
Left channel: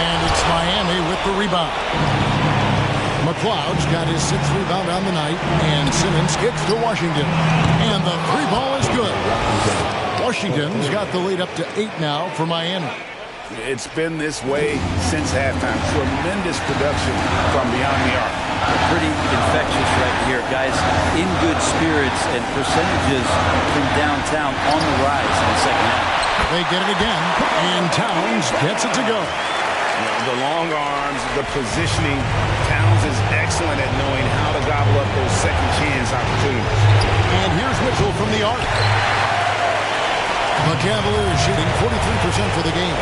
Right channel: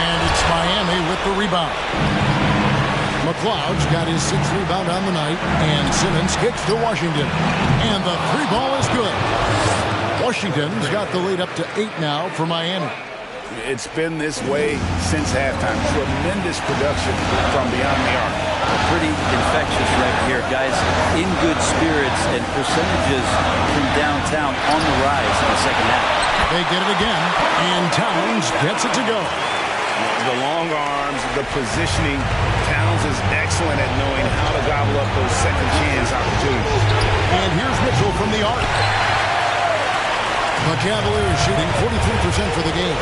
And it's Miami with the rebound. McLeod's got his 6th rebound on the night. And Simmons kicks to Washington. And the 3 ball is good. Washington's got the lead up to 8 now for Miami. It's been this way since halftime. Tremendous production from beyond the arc. Pretty infectious right here. Guys in good spirits and percentages from downtown on the rise in the second half. They get it again, and Towns gets it to go. The long arms, the positioning. Towns is excellent at knowing how to gobble up those second chance opportunities. And here's Mitchell from the arc. The Cavaliers shooting 43% for the game.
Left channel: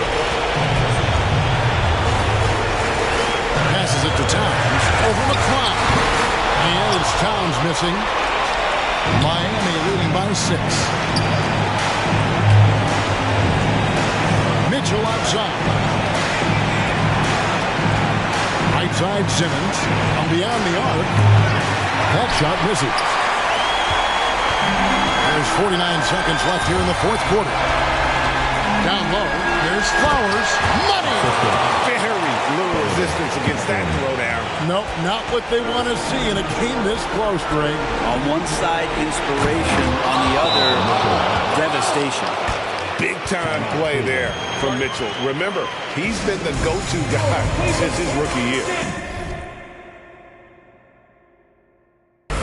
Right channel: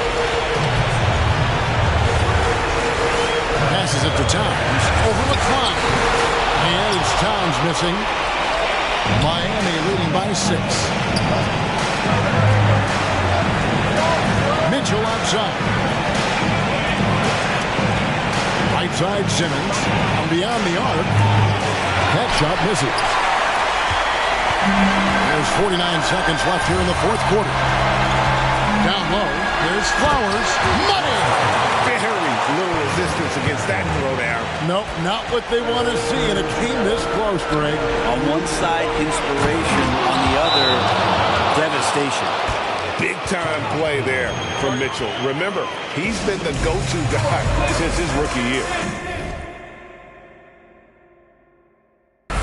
Passes it to Towns. Over McLeod. And it's Towns missing. Miami leading by 6. Mitchell outside. Right side Simmons. From beyond the arc. That shot misses. There's 49 seconds left here in the fourth quarter. Down low, here's Flowers. Money! Very little resistance against that throwdown. Nope, not what they want to see, and it came this close, Greg. On one side, inspiration. On the other, devastation. Big-time play there from Mitchell. Remember, he's been the go-to guy since his rookie year.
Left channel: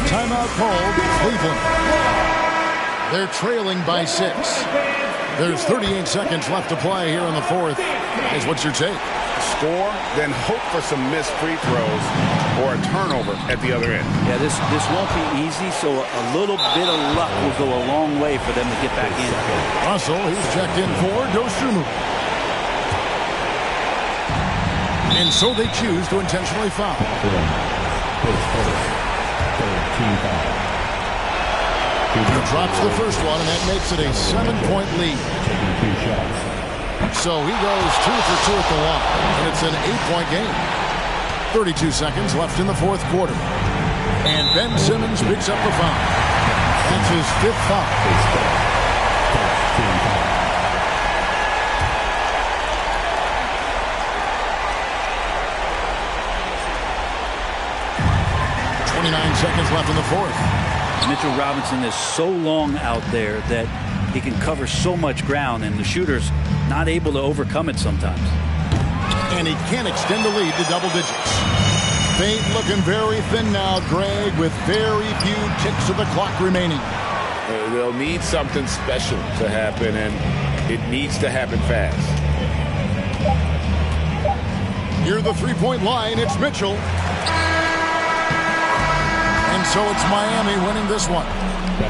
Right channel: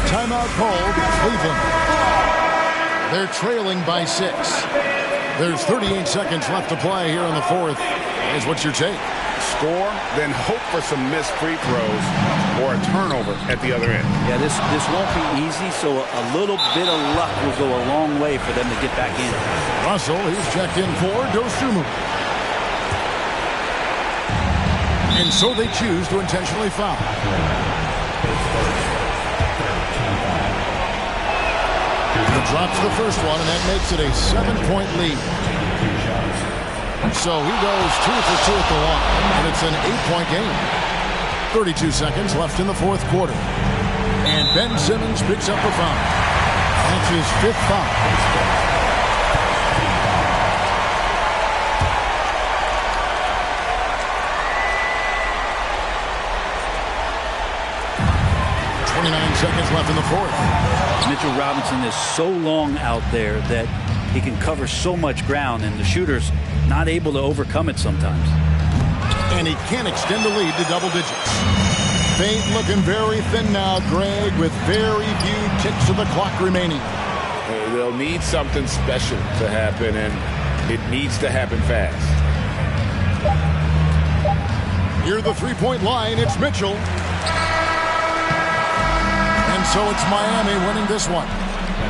Timeout called, Cleveland. They're trailing by 6. There's 38 seconds left to play here in the fourth. Guys, what's your take? Score, then hope for some missed free throws or a turnover at the other end. Yeah, this won't be easy, so a little bit of luck will go a long way for them to get back in. Russell, he's checked in for Dosumu. And so they choose to intentionally foul. He drops the first one, and that makes it a 7-point lead. So he goes 2 for 2 at the line, and it's an 8-point game. 32 seconds left in the fourth quarter. And Ben Simmons picks up a foul. That's his 5th foul. Seconds left in the fourth. Mitchell Robinson is so long out there that he can cover so much ground, and the shooter's not able to overcome it sometimes. And he can extend the lead to double digits. Fate looking very thin now, Greg, with very few ticks of the clock remaining. They'll need something special to happen, and it needs to happen fast. Near the three-point line, it's Mitchell. And so it's Miami winning this one.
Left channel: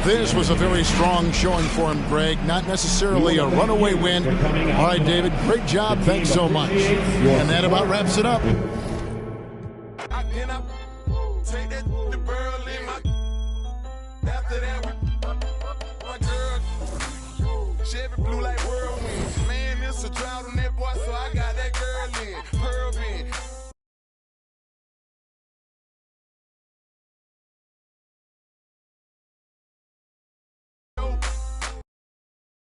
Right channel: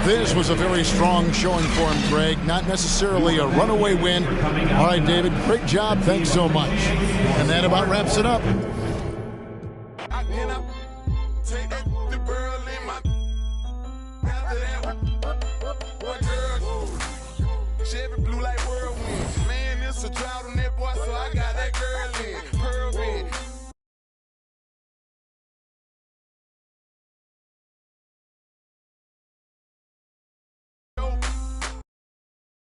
This was a very strong showing for him, Greg. Not necessarily a runaway win. All right, David, great job. Thanks so much. And that about wraps it up. Chevy blue like whirlwind. Man, it's a drought on that boy, so I got that girl in. Pearl in.